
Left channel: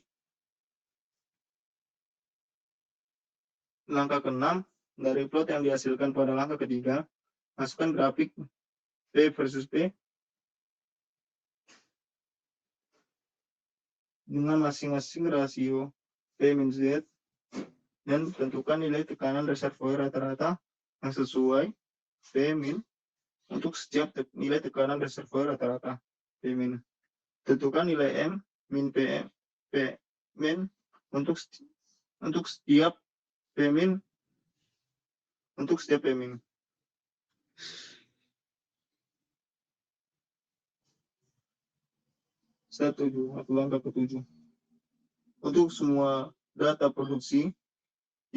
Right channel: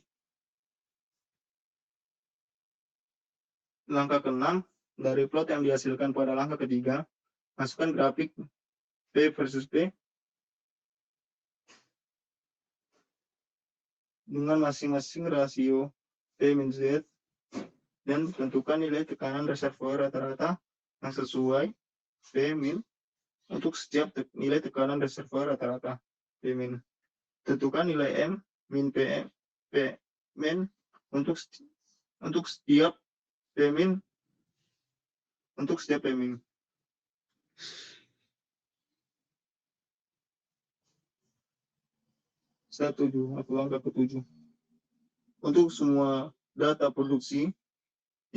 Langkah ke-6, dari plot yang dihasilkan pada langkah ketiga, masukkan grafik P versus P dengan masing-masing rasio P-Z dan tentukan nilai tekanan reservoir rata-rata yang sesuai P- untuk setiap nilai tekanan reservoir rata-rata P-. Tentukan nilai M min PM P-min untuk setiap P-min untuk setiap P-min. Langkah ke-7. Untuk semua data produksi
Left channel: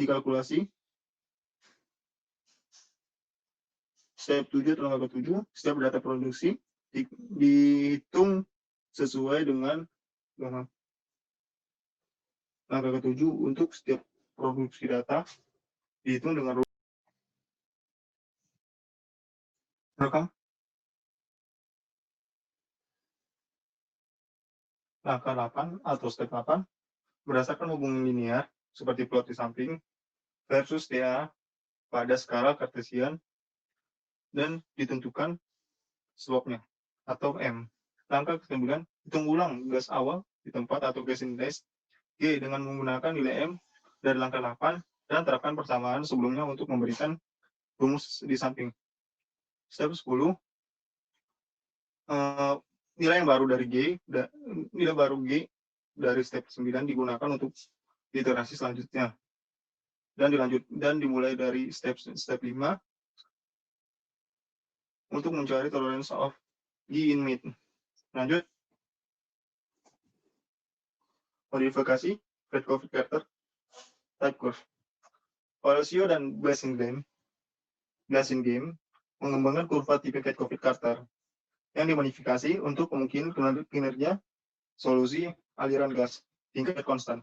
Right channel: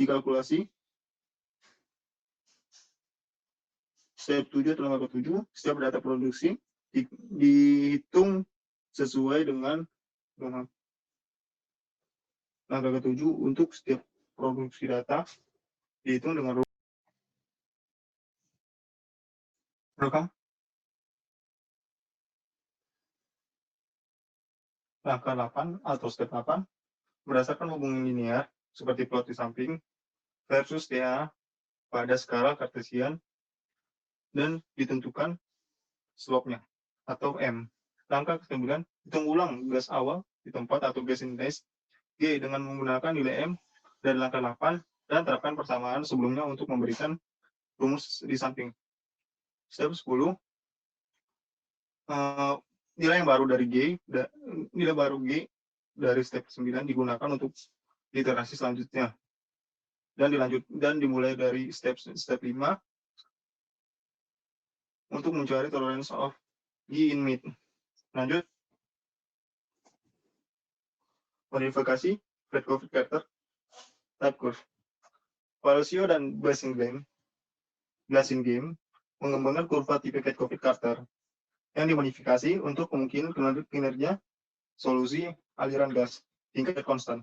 dikalkulasi. Step 7 atau langkah ke-7, setiap data produksi dihitung sesuai dengan langkah ke-7 untuk setiap produksi data dihitung dengan rekam. Langkah 8 atau step 8, berdasarkan hubungan linear seperti plot di samping versus TA pada skala kartesian dan ditentukan slope-nya atau M. Langkah ke-9, hitung ulang gas awal di tempat atau gas index G dengan menggunakan nilai M dari langkah 8 dan terapkan persamaan sebelumnya untuk memberikan rumus di samping. Step 10, nilai yang baru dari nilai baru G dari step 9 digunakan untuk iterasi selanjutnya. Dan dimulai dari step 5 untuk mencari tolerance of G in mid. Lanjut. Modifikasi Fred-Carter type curve. Palacio dan Blasingame mengembangkan kurva tipe Fred-Carter yang dimodifikasi untuk kemungkinan kinerja solusi aliran gas tingkat konstan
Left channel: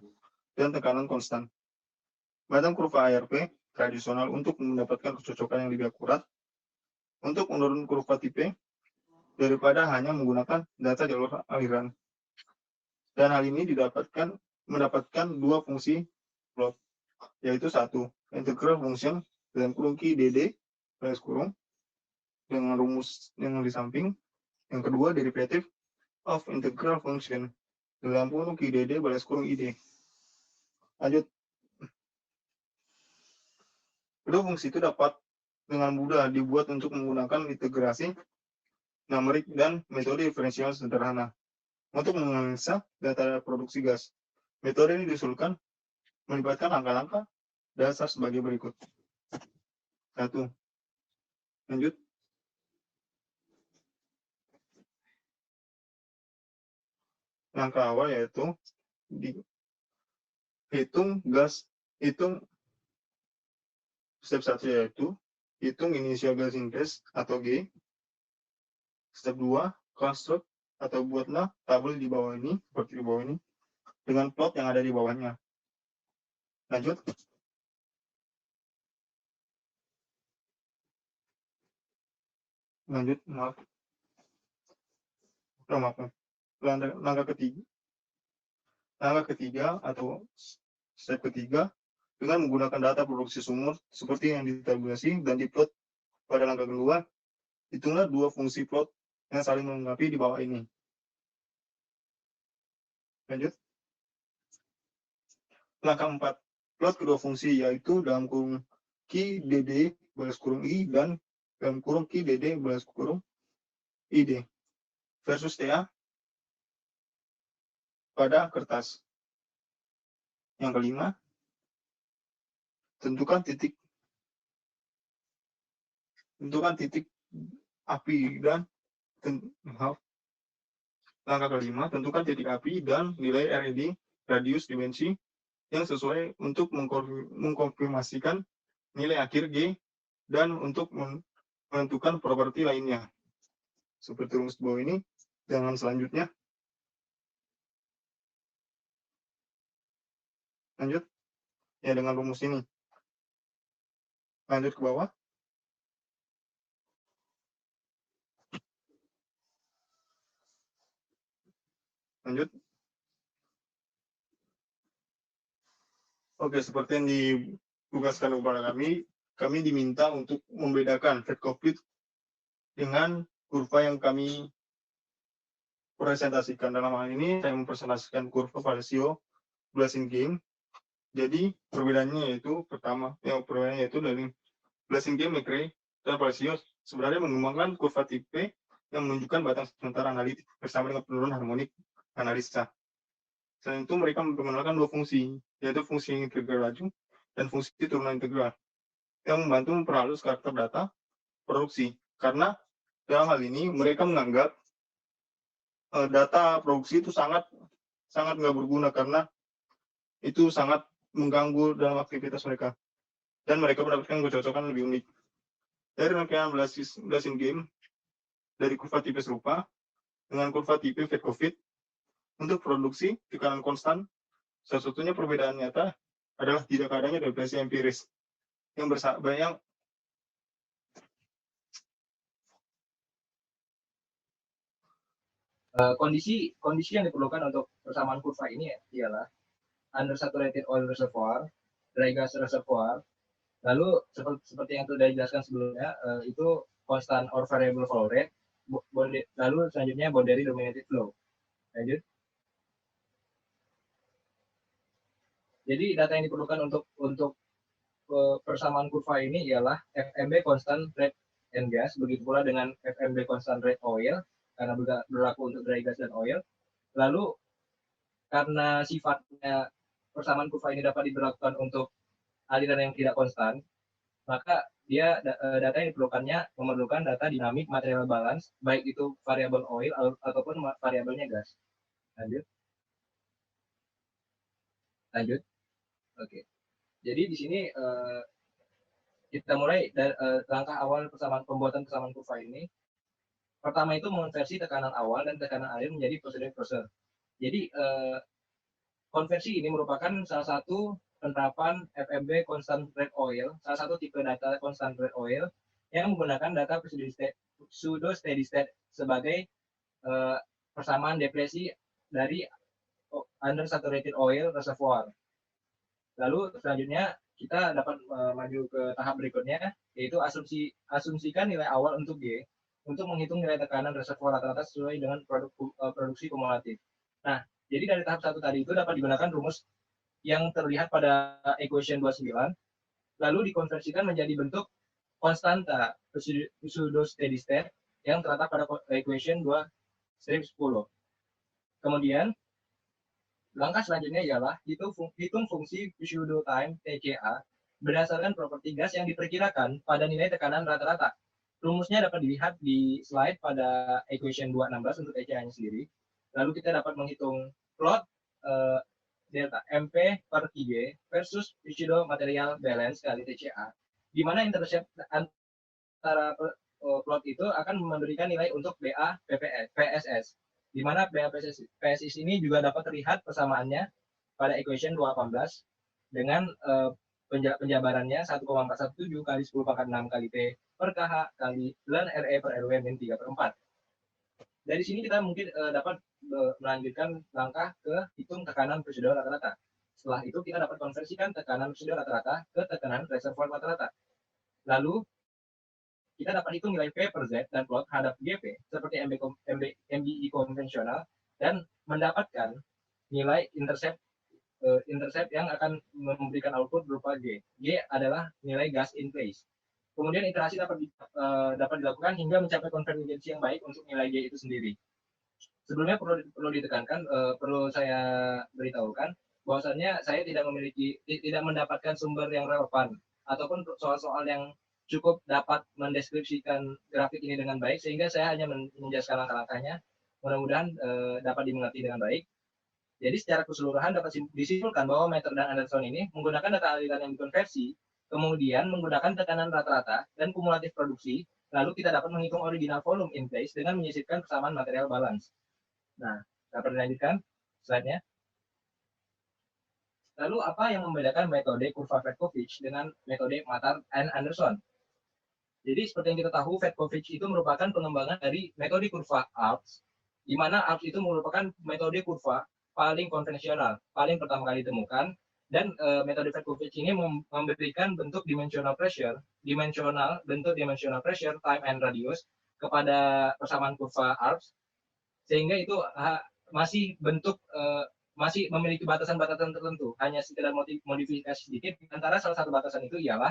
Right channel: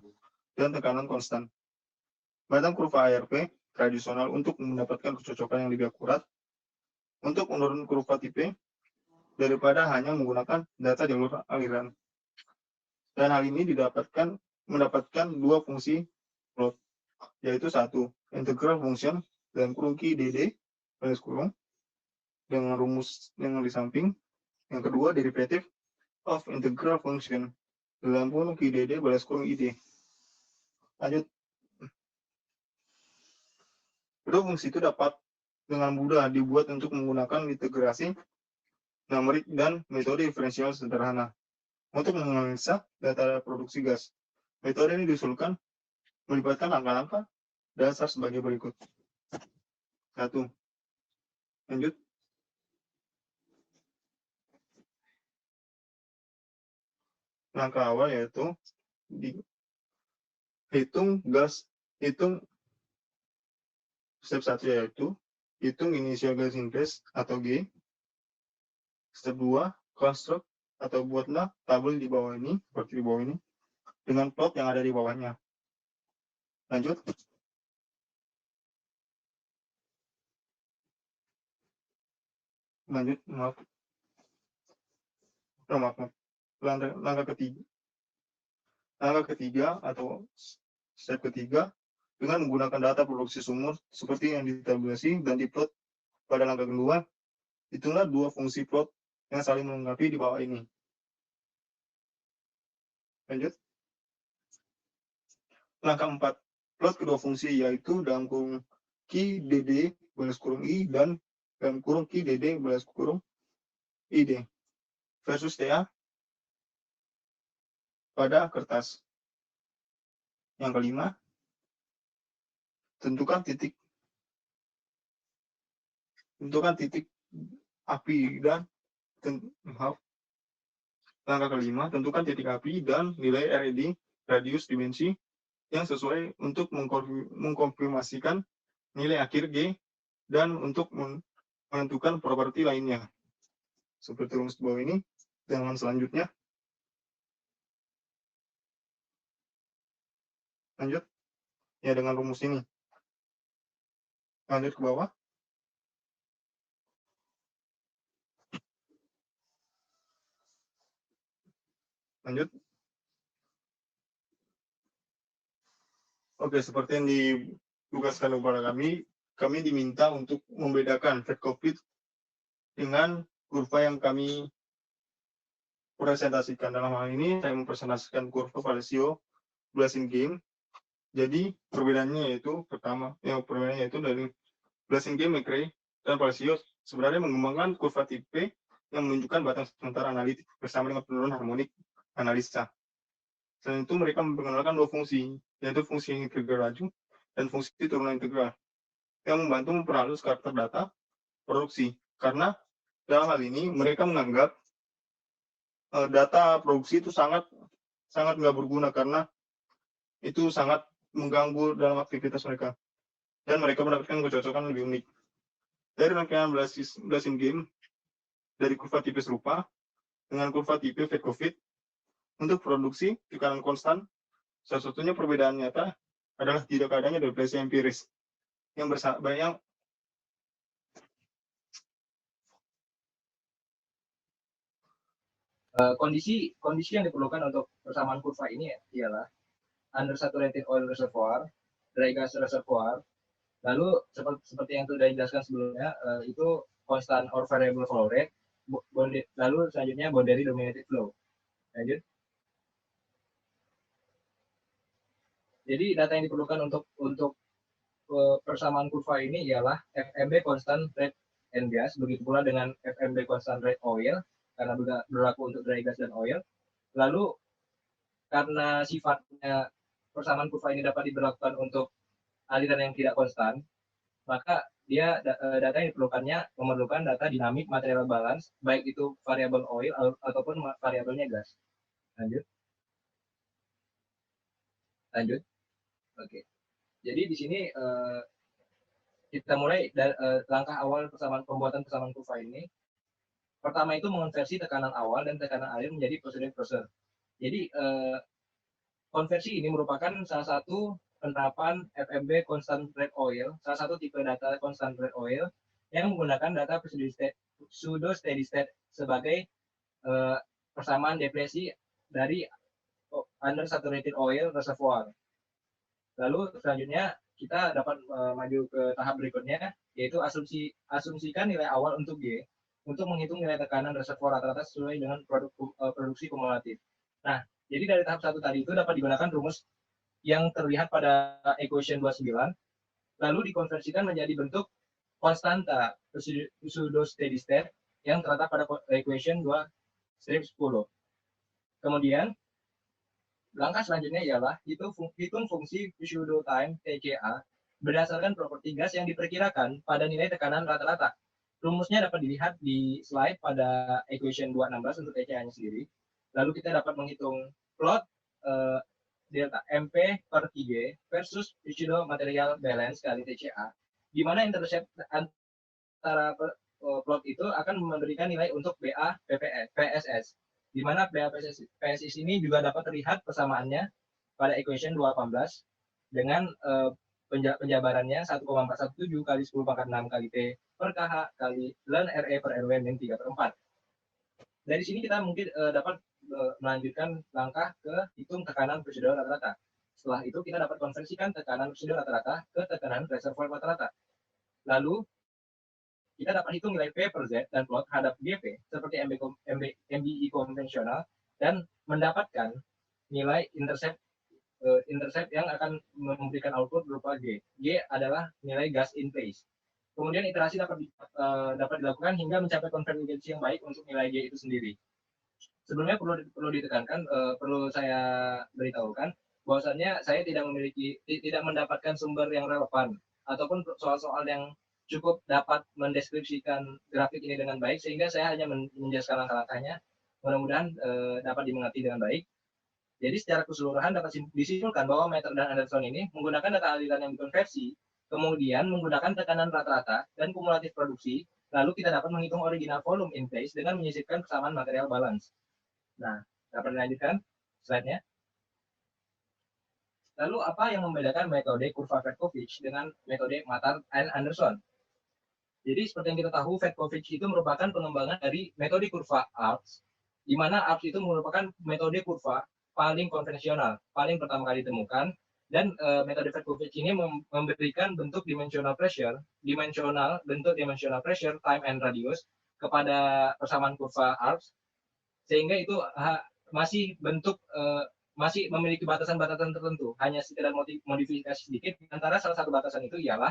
dan tekanan konstan. Batang kurva ARP tradisional untuk mendapatkan kecocokan yang lebih akurat untuk menurun kurva tipe daripada hanya menggunakan data jalur aliran. Dan hal ini mendapatkan dua fungsi plot, yaitu satu, integral function dalam kurung Q DD garis kurung dengan rumus yang di samping. Yang kedua, derivative of integral function dalam kurung Q DD baris kurung ID. Lanjut. Kedua fungsi itu dapat dengan mudah dibuat untuk menggunakan integrasi numerik dan metode diferensial sederhana untuk menganalisa data produksi gas. Metode ini diusulkan melibatkan langkah-langkah dasar sebagai berikut. 1. Lanjut. Langkah awal yaitu hitung step 1 yaitu hitung initial gas index atau G. Step 2, construct atau buatlah tabel di bawah ini, seperti di bawah ini, dengan plot yang ada di bawahnya. Lanjut. Maaf. Langkah ketiga atau step ketiga dengan menggunakan data produksi sumur seperti yang ditabulasi dan diplot pada langkah kedua, hitunglah dua fungsi plot yang saling melengkapi di bawah ini. Lanjut. Langkah 4, plot kedua fungsi yaitu dalam kurung Q DD baris kurung I dan dalam kurung Q DD baris kurung ID versus TA pada kertas. Yang kelima, tentukan titik api dan langkah kelima, tentukan titik api dan nilai RED radius dimensi yang sesuai untuk mengkonfirmasikan nilai akhir G dan untuk menentukan properti lainnya seperti rumus bawah ini. Dengan selanjutnya lanjut ya dengan rumus ini. Lanjut ke bawah. Lanjut. Oke, seperti yang ditugaskan kepada kami diminta untuk membedakan fat COVID dengan kurva yang kami presentasikan. Dalam hal ini, saya mempresentasikan kurva Valesio Blazing Game. Jadi, perbedaannya yaitu dari Blazing Game, McRae, dan Valesio sebenarnya mengembangkan kurva tipe yang menunjukkan batang sementara analitik bersama dengan penurunan harmonik analisa. Selain itu, mereka memperkenalkan dua fungsi, yaitu fungsi integral laju dan fungsi turunan integral, yang membantu memperhalus karakter data produksi. Karena dalam hal ini, mereka menganggap data produksi itu sangat nggak berguna karena itu sangat mengganggu dalam aktivitas mereka. Dan mereka mendapatkan kecocokan lebih unik. Dari rangkaian Blazing Game, dari kurva tipe serupa, dengan kurva tipe fat COVID, untuk produksi tekanan konstan, salah satunya perbedaan nyata adalah tidak adanya depresi empiris yang kondisi yang diperlukan untuk persamaan kurva ini ialah undersaturated oil reservoir, dry gas reservoir, lalu seperti yang sudah dijelaskan sebelumnya, itu constant or variable flow rate, lalu selanjutnya boundary dominated flow. Lanjut. Jadi data yang diperlukan untuk persamaan kurva ini ialah FMB constant rate and gas, begitu pula dengan FMB constant rate oil karena berlaku untuk dry gas dan oil. Lalu karena sifatnya persamaan kurva ini dapat diberlakukan untuk aliran yang tidak konstan, maka data yang diperlukannya memerlukan data dinamik material balance, baik itu variabel oil ataupun variabelnya gas. Lanjut. Oke. Jadi di sini kita mulai dari langkah awal pembuatan persamaan kurva ini. Pertama itu mengonversi tekanan awal dan tekanan akhir menjadi pressure. Jadi konversi ini merupakan salah satu penerapan FMB constant rate oil, salah satu tipe data constant rate oil yang menggunakan data pseudo steady state sebagai persamaan depresi dari undersaturated oil reservoir. Lalu selanjutnya kita dapat maju ke tahap berikutnya, yaitu asumsikan nilai awal untuk G untuk menghitung nilai tekanan reservoir rata-rata sesuai dengan produksi kumulatif. Nah, jadi dari tahap 1 tadi itu dapat digunakan rumus yang terlihat pada equation 29, lalu dikonversikan menjadi bentuk konstanta pseudo steady state yang terletak pada equation 2-10. Kemudian langkah selanjutnya ialah hitung fungsi pseudo time TCA berdasarkan properti gas yang diperkirakan pada nilai tekanan rata-rata. Rumusnya dapat dilihat di slide pada equation 216 untuk TCA-nya sendiri. Lalu kita dapat menghitung plot delta MP per IG versus pseudo material balance kali TCA, di mana intercept antara plot itu akan memberikan nilai untuk BA PSS, di mana BA PSS ini juga dapat terlihat persamaannya pada equation 218 dengan penjabarannya 1,417 kali 10 pangkat 6 kali T per KH kali ln RE per RW min 3/4. Dari sini kita mungkin dapat melanjutkan langkah ke hitung tekanan prosedur rata-rata. Setelah itu kita dapat konversikan tekanan prosedur rata-rata ke tekanan reservoir rata-rata. Lalu kita dapat hitung nilai P per Z dan plot hadap GP seperti MBI konvensional dan mendapatkan nilai intercept yang akan memberikan output berupa G. G adalah nilai gas in place. Kemudian iterasi dapat dilakukan hingga mencapai konvergensi yang baik untuk nilai G itu sendiri. Sebelumnya perlu ditekankan, perlu saya beritahukan bahwasannya saya tidak mendapatkan sumber yang relevan ataupun soal-soal yang cukup dapat mendeskripsikan grafik ini dengan baik, sehingga saya hanya menjelaskan langkah-langkahnya. Mudah-mudahan dapat dimengerti dengan baik. Jadi secara keseluruhan dapat disimpulkan bahwa Meter dan Anderson ini menggunakan data aliran yang dikonversi, kemudian menggunakan tekanan rata-rata dan kumulatif produksi, lalu kita dapat menghitung original volume in place dengan menyisipkan kesamaan material balance. Nah, dapat dilanjutkan slide-nya. Lalu apa yang membedakan metode kurva Fedkovich dengan metode Matar and Anderson? Jadi seperti yang kita tahu, Fedkovich itu merupakan pengembangan dari metode kurva ARPS di mana ARPS itu merupakan metode kurva paling konvensional, paling pertama kali ditemukan, dan metode Fedkovic ini memberikan bentuk dimensional pressure, time and radius kepada persamaan kurva ARPS, sehingga itu masih bentuk masih memiliki batasan-batasan tertentu, hanya sekedar modifikasi sedikit. Antara salah satu batasan itu ialah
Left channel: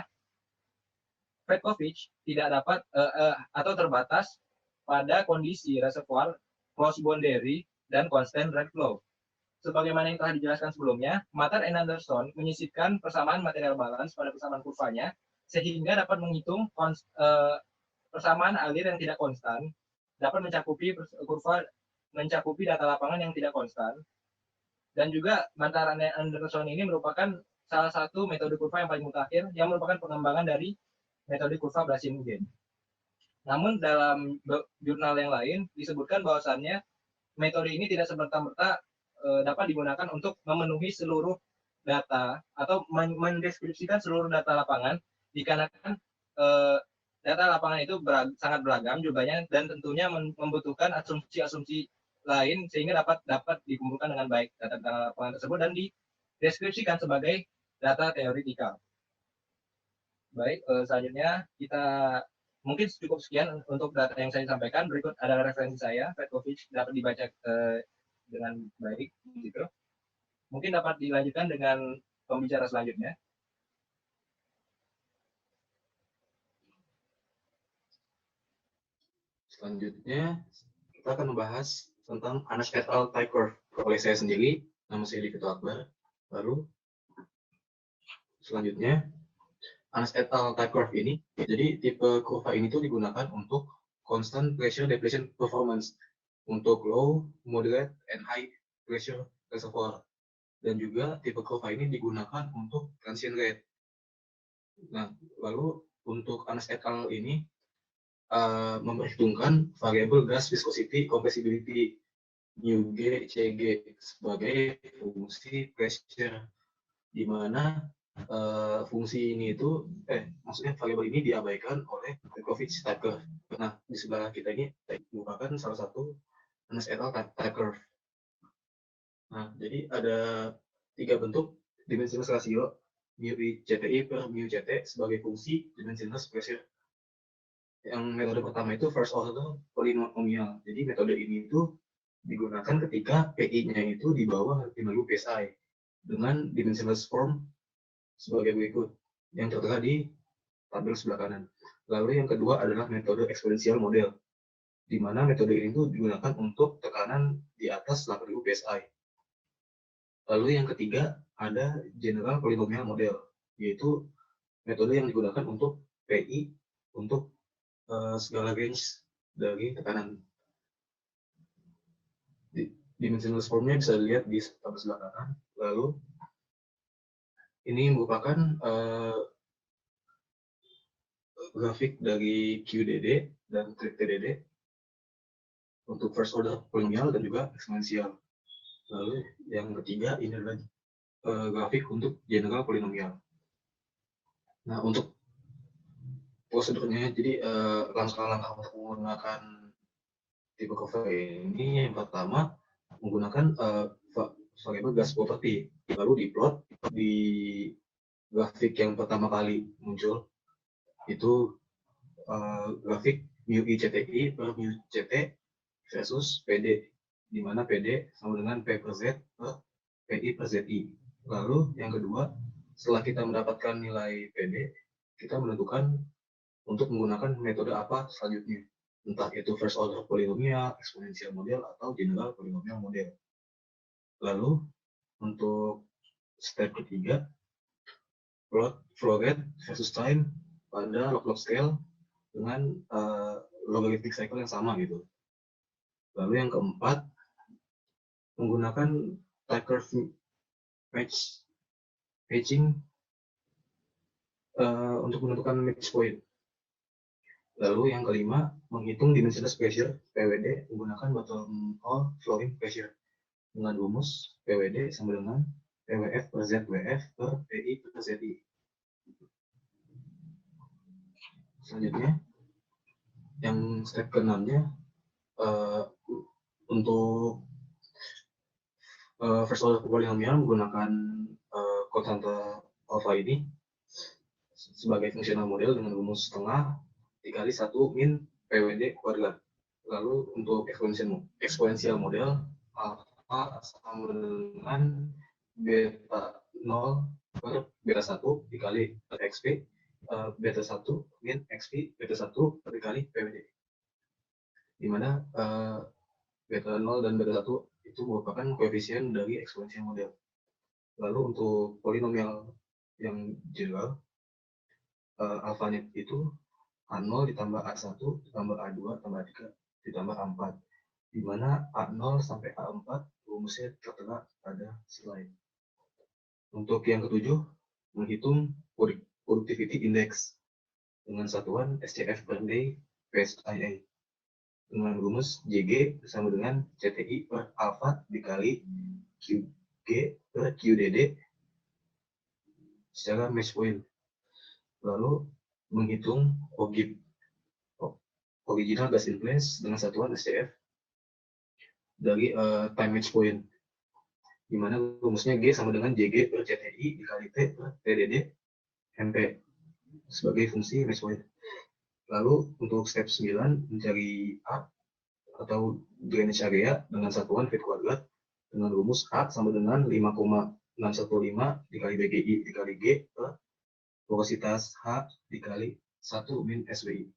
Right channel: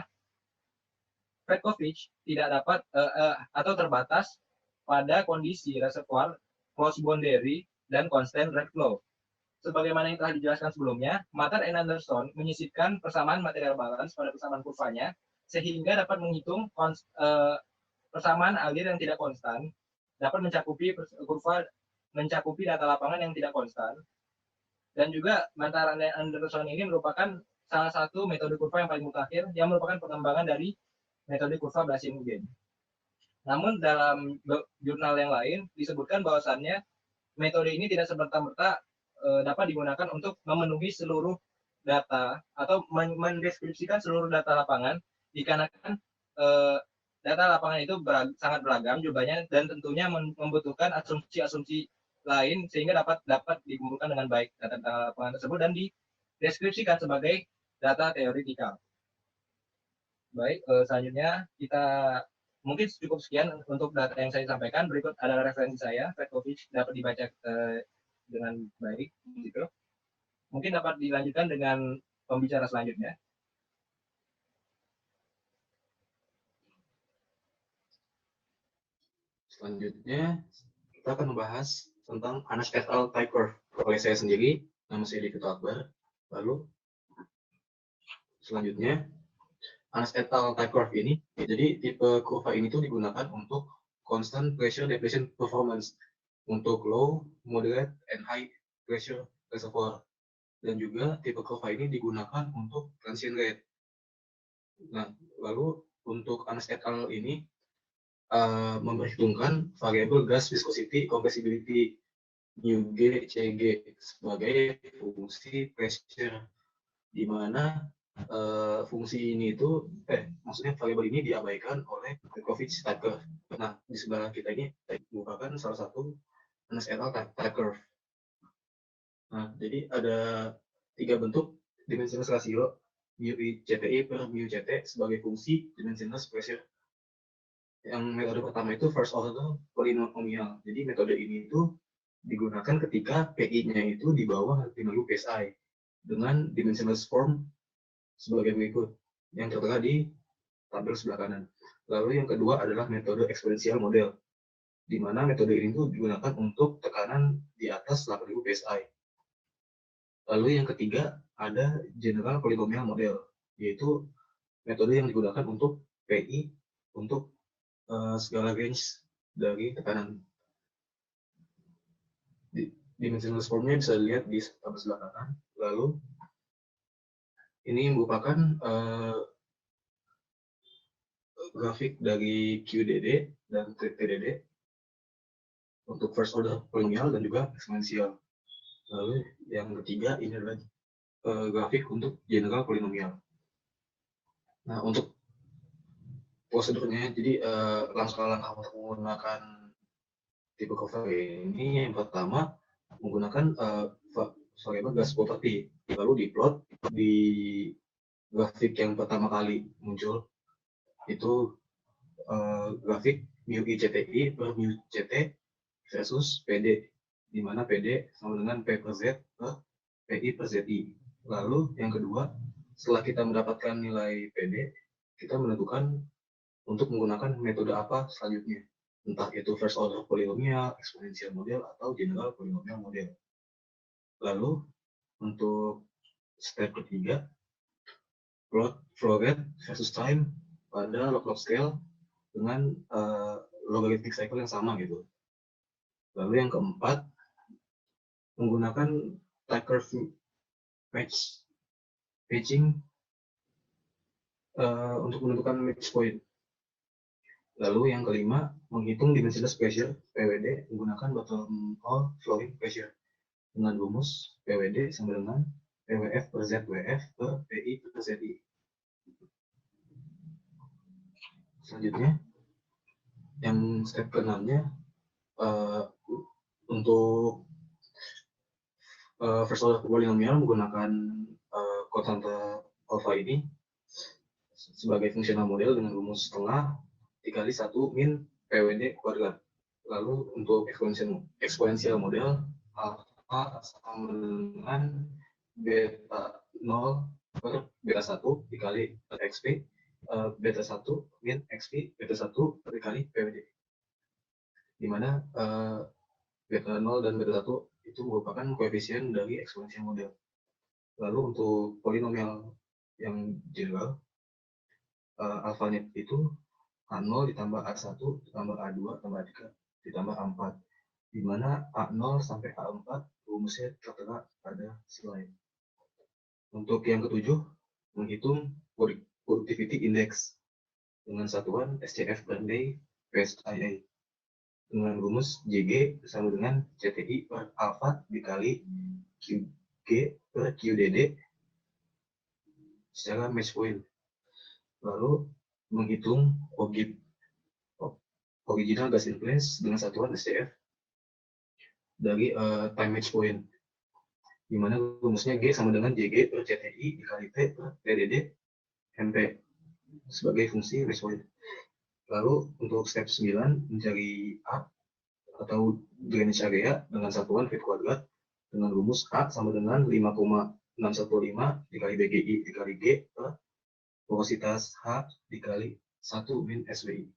Fedkovic tidak dapat atau terbatas pada kondisi reservoir close boundary dan constant rate flow. Sebagaimana yang telah dijelaskan sebelumnya, Matter and Anderson menyisipkan persamaan material balance pada persamaan kurvanya sehingga dapat menghitung persamaan alir yang tidak konstan, dapat mencakupi data lapangan yang tidak konstan, dan juga Matter and Anderson ini merupakan salah satu metode kurva yang paling mutakhir yang merupakan pengembangan dari metode kurva Blasingame. Namun dalam jurnal yang lain disebutkan bahwasannya metode ini tidak serta-merta dapat digunakan untuk memenuhi seluruh data atau mendeskripsikan seluruh data lapangan, dikarenakan data lapangan itu sangat beragam jumlahnya dan tentunya membutuhkan asumsi-asumsi lain sehingga dapat dikumpulkan dengan baik data lapangan tersebut dan dideskripsikan sebagai data teoretikal. Baik, selanjutnya kita mungkin cukup sekian untuk data yang saya sampaikan. Berikut adalah referensi saya, Fedkovic dapat dibaca dengan baik, gitu. Mungkin dapat dilanjutkan dengan pembicara selanjutnya. Selanjutnya kita akan membahas tentang Anas et al. Type curve. Oleh saya sendiri, nama saya Divito Akbar. Lalu selanjutnya Anas et al. Type curve ini, jadi tipe kurva ini tuh digunakan untuk constant pressure depletion performance untuk low, moderate, and high pressure reservoir. Dan juga tipe kurva ini digunakan untuk transient rate. Nah, lalu untuk Anas et al. Ini memperhitungkan variabel gas viscosity compressibility μg cg sebagai fungsi pressure, di mana fungsi ini itu maksudnya variabel ini diabaikan oleh Fedkovic type curve. Nah, di sebelah kita ini merupakan salah satu Anas et al. Type curve. Nah, jadi ada 3 bentuk dimensionless ratio μi CTI per μ CT sebagai fungsi dimensionless pressure. Yang metode pertama itu first order polynomial. Jadi metode ini itu digunakan ketika PI-nya itu di bawah 50 psi dengan dimensionless form sebagai berikut yang tertera di tabel sebelah kanan. Lalu yang kedua adalah metode eksponensial model, di mana metode ini tuh digunakan untuk tekanan di atas 8000 psi. Lalu yang ketiga ada general polynomial model, yaitu metode yang digunakan untuk PI untuk segala range dari tekanan. Dimensionless formnya bisa dilihat di tabel sebelah kanan. Lalu ini merupakan grafik dari QDD dan TDD untuk first order polynomial dan juga eksponensial. Lalu yang ketiga ini adalah grafik untuk general polynomial. Nah, untuk prosedurnya, jadi langkah-langkah untuk menggunakan tipe kurva ini, yang pertama menggunakan variabel gas property, lalu diplot di grafik yang pertama kali muncul itu grafik μi CTI per μ CT versus PD, di mana PD sama dengan P per Z per PI per ZI. Lalu yang kedua, setelah kita mendapatkan nilai PD, kita menentukan untuk menggunakan metode apa selanjutnya, entah itu first order polynomial, exponential model, atau general polynomial model. Lalu untuk step ketiga, plot flow rate versus time pada log-log scale dengan logarithmic cycle yang sama gitu. Lalu yang keempat, menggunakan type curve matching untuk menentukan match point. Lalu yang kelima, menghitung dimensionless pressure PWD menggunakan bottom hole flowing pressure dengan rumus PWD sama dengan PWF per ZWF per PI per ZI. Selanjutnya, yang step ke-6-nya Untuk first order polinomial menggunakan konstanta alpha ini sebagai fungsional model dengan rumus setengah dikali 1 min PWD kuadrat. Lalu untuk eksponensial model alpha sama dengan beta 0 per beta 1 dikali XP, beta 1 min XP, beta 1 dikali PWD. Di mana beta 0 dan beta 1 itu merupakan koefisien dari eksponensial model. Lalu untuk polinomial yang general, alfanya itu A0 ditambah A1 ditambah A2 tambah A3 ditambah A4, di mana A0 sampai A4 rumusnya tertera pada slide. Untuk yang ketujuh, menghitung productivity index dengan satuan SCF per day PSIA dengan rumus JG sama dengan CTI per alpha dikali QG per QDD secara match point. Lalu menghitung OGIP, original gas in place, dengan satuan SCF dari time match point, di mana rumusnya G sama dengan JG per CTI dikali T per TDD MP sebagai fungsi match point. Lalu untuk step 9 mencari A atau drainage area dengan satuan feet kuadrat dengan rumus A sama dengan 5,615 dikali BGI dikali G per porositas H dikali 1 min SWI.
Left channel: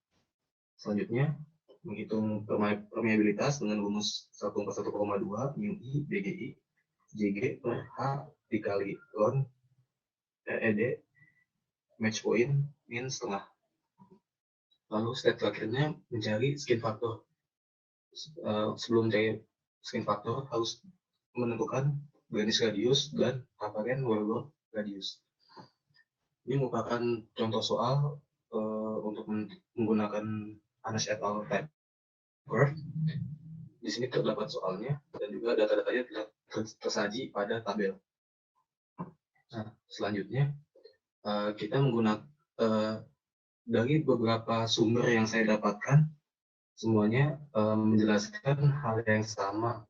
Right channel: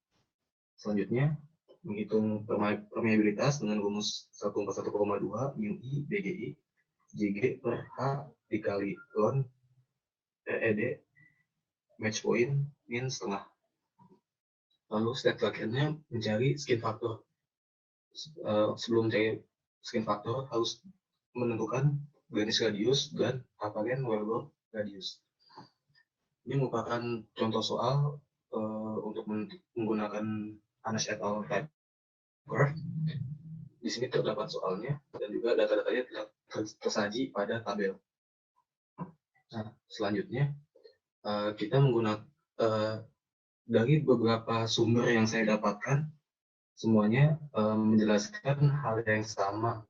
Selanjutnya menghitung permeabilitas dengan rumus 141,2 mu I BGI JG per H dikali ln RED match point min setengah. Lalu step terakhirnya mencari skin factor. Sebelum mencari skin factor harus menentukan granis radius dan apparent wellbore radius. Ini merupakan contoh soal untuk menggunakan Anas et al. Type curve. Di sini terdapat soalnya dan juga data-datanya tersaji pada tabel. Nah, selanjutnya kita menggunakan dari beberapa sumber yang saya dapatkan, semuanya menjelaskan hal yang sama.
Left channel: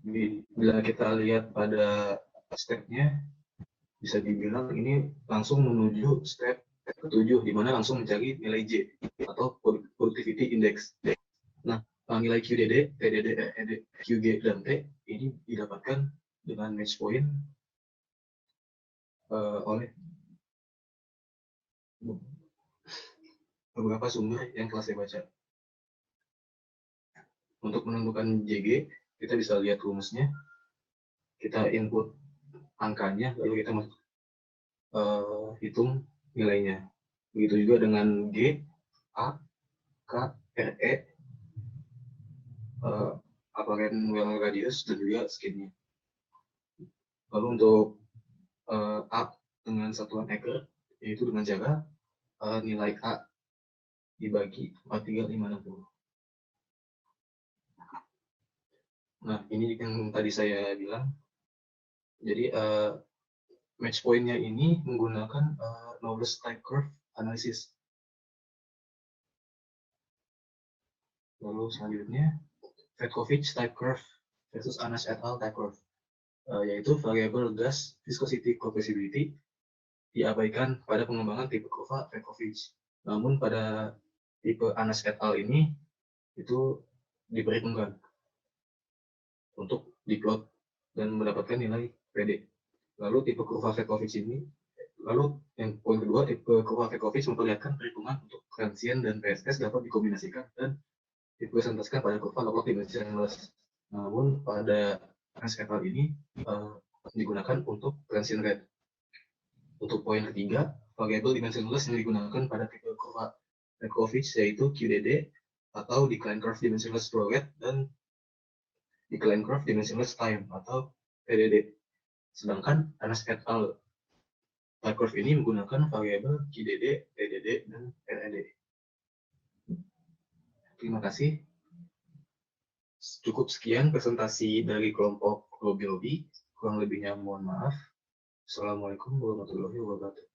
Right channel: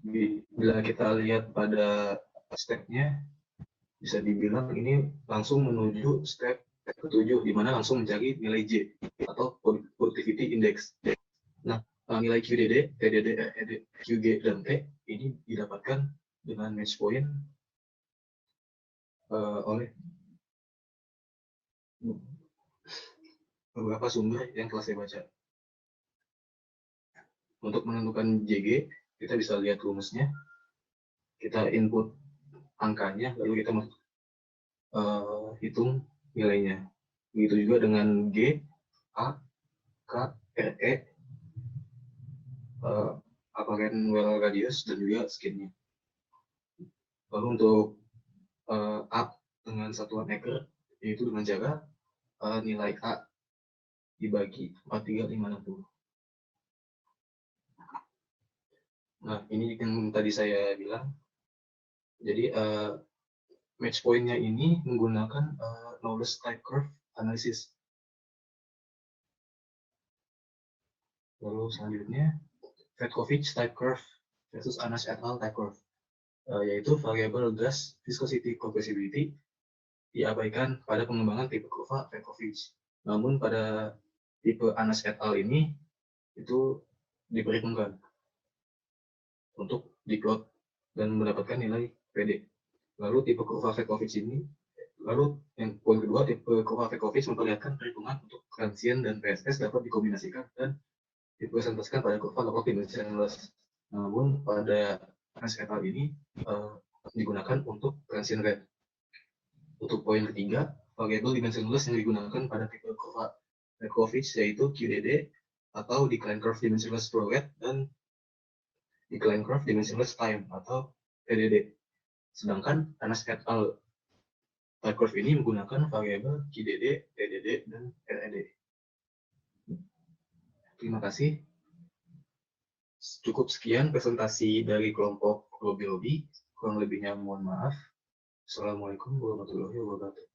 Bila kita lihat pada stepnya, bisa dibilang ini langsung menuju step ke-7, di mana langsung mencari nilai J atau productivity index. Nah, nilai QDD, TDD, RED, QG, dan T ini didapatkan dengan match point oleh beberapa sumber yang telah saya baca. Untuk menentukan JG, kita bisa lihat rumusnya. Kita input angkanya, lalu kita hitung nilainya. Begitu juga dengan G, A, K, RE, apparent well radius, dan juga skinnya. Lalu untuk A dengan satuan acre, yaitu dengan cara nilai A dibagi 43560. Nah, ini yang tadi saya bilang. Jadi match point-nya ini menggunakan knowledge type curve analysis. Lalu selanjutnya Fedkovich type curve versus Anas et al. Type curve, yaitu variable gas viscosity compressibility diabaikan pada pengembangan tipe kurva Fedkovich. Namun pada tipe Anas et al. Ini itu diperhitungkan untuk diplot dan mendapatkan nilai PD. Lalu tipe kurva Fedkovich ini, lalu yang poin kedua, tipe kurva Fedkovich memperlihatkan perhitungan untuk transient dan PSS dapat dikombinasikan dan dipresentasikan pada kurva log dimensionless. Namun pada Anas et al. Ini digunakan untuk transient rate. Untuk poin ketiga, variable dimensionless yang digunakan pada tipe kurva Fedkovich yaitu QDD atau decline curve dimensionless flow rate dan decline curve dimensionless time atau TDD. Sedangkan Anas et al. Type curve ini menggunakan variabel QDD, TDD, dan RED. Terima kasih. Cukup sekian presentasi dari kelompok Robi. Kurang lebihnya mohon maaf. Assalamualaikum warahmatullahi wabarakatuh.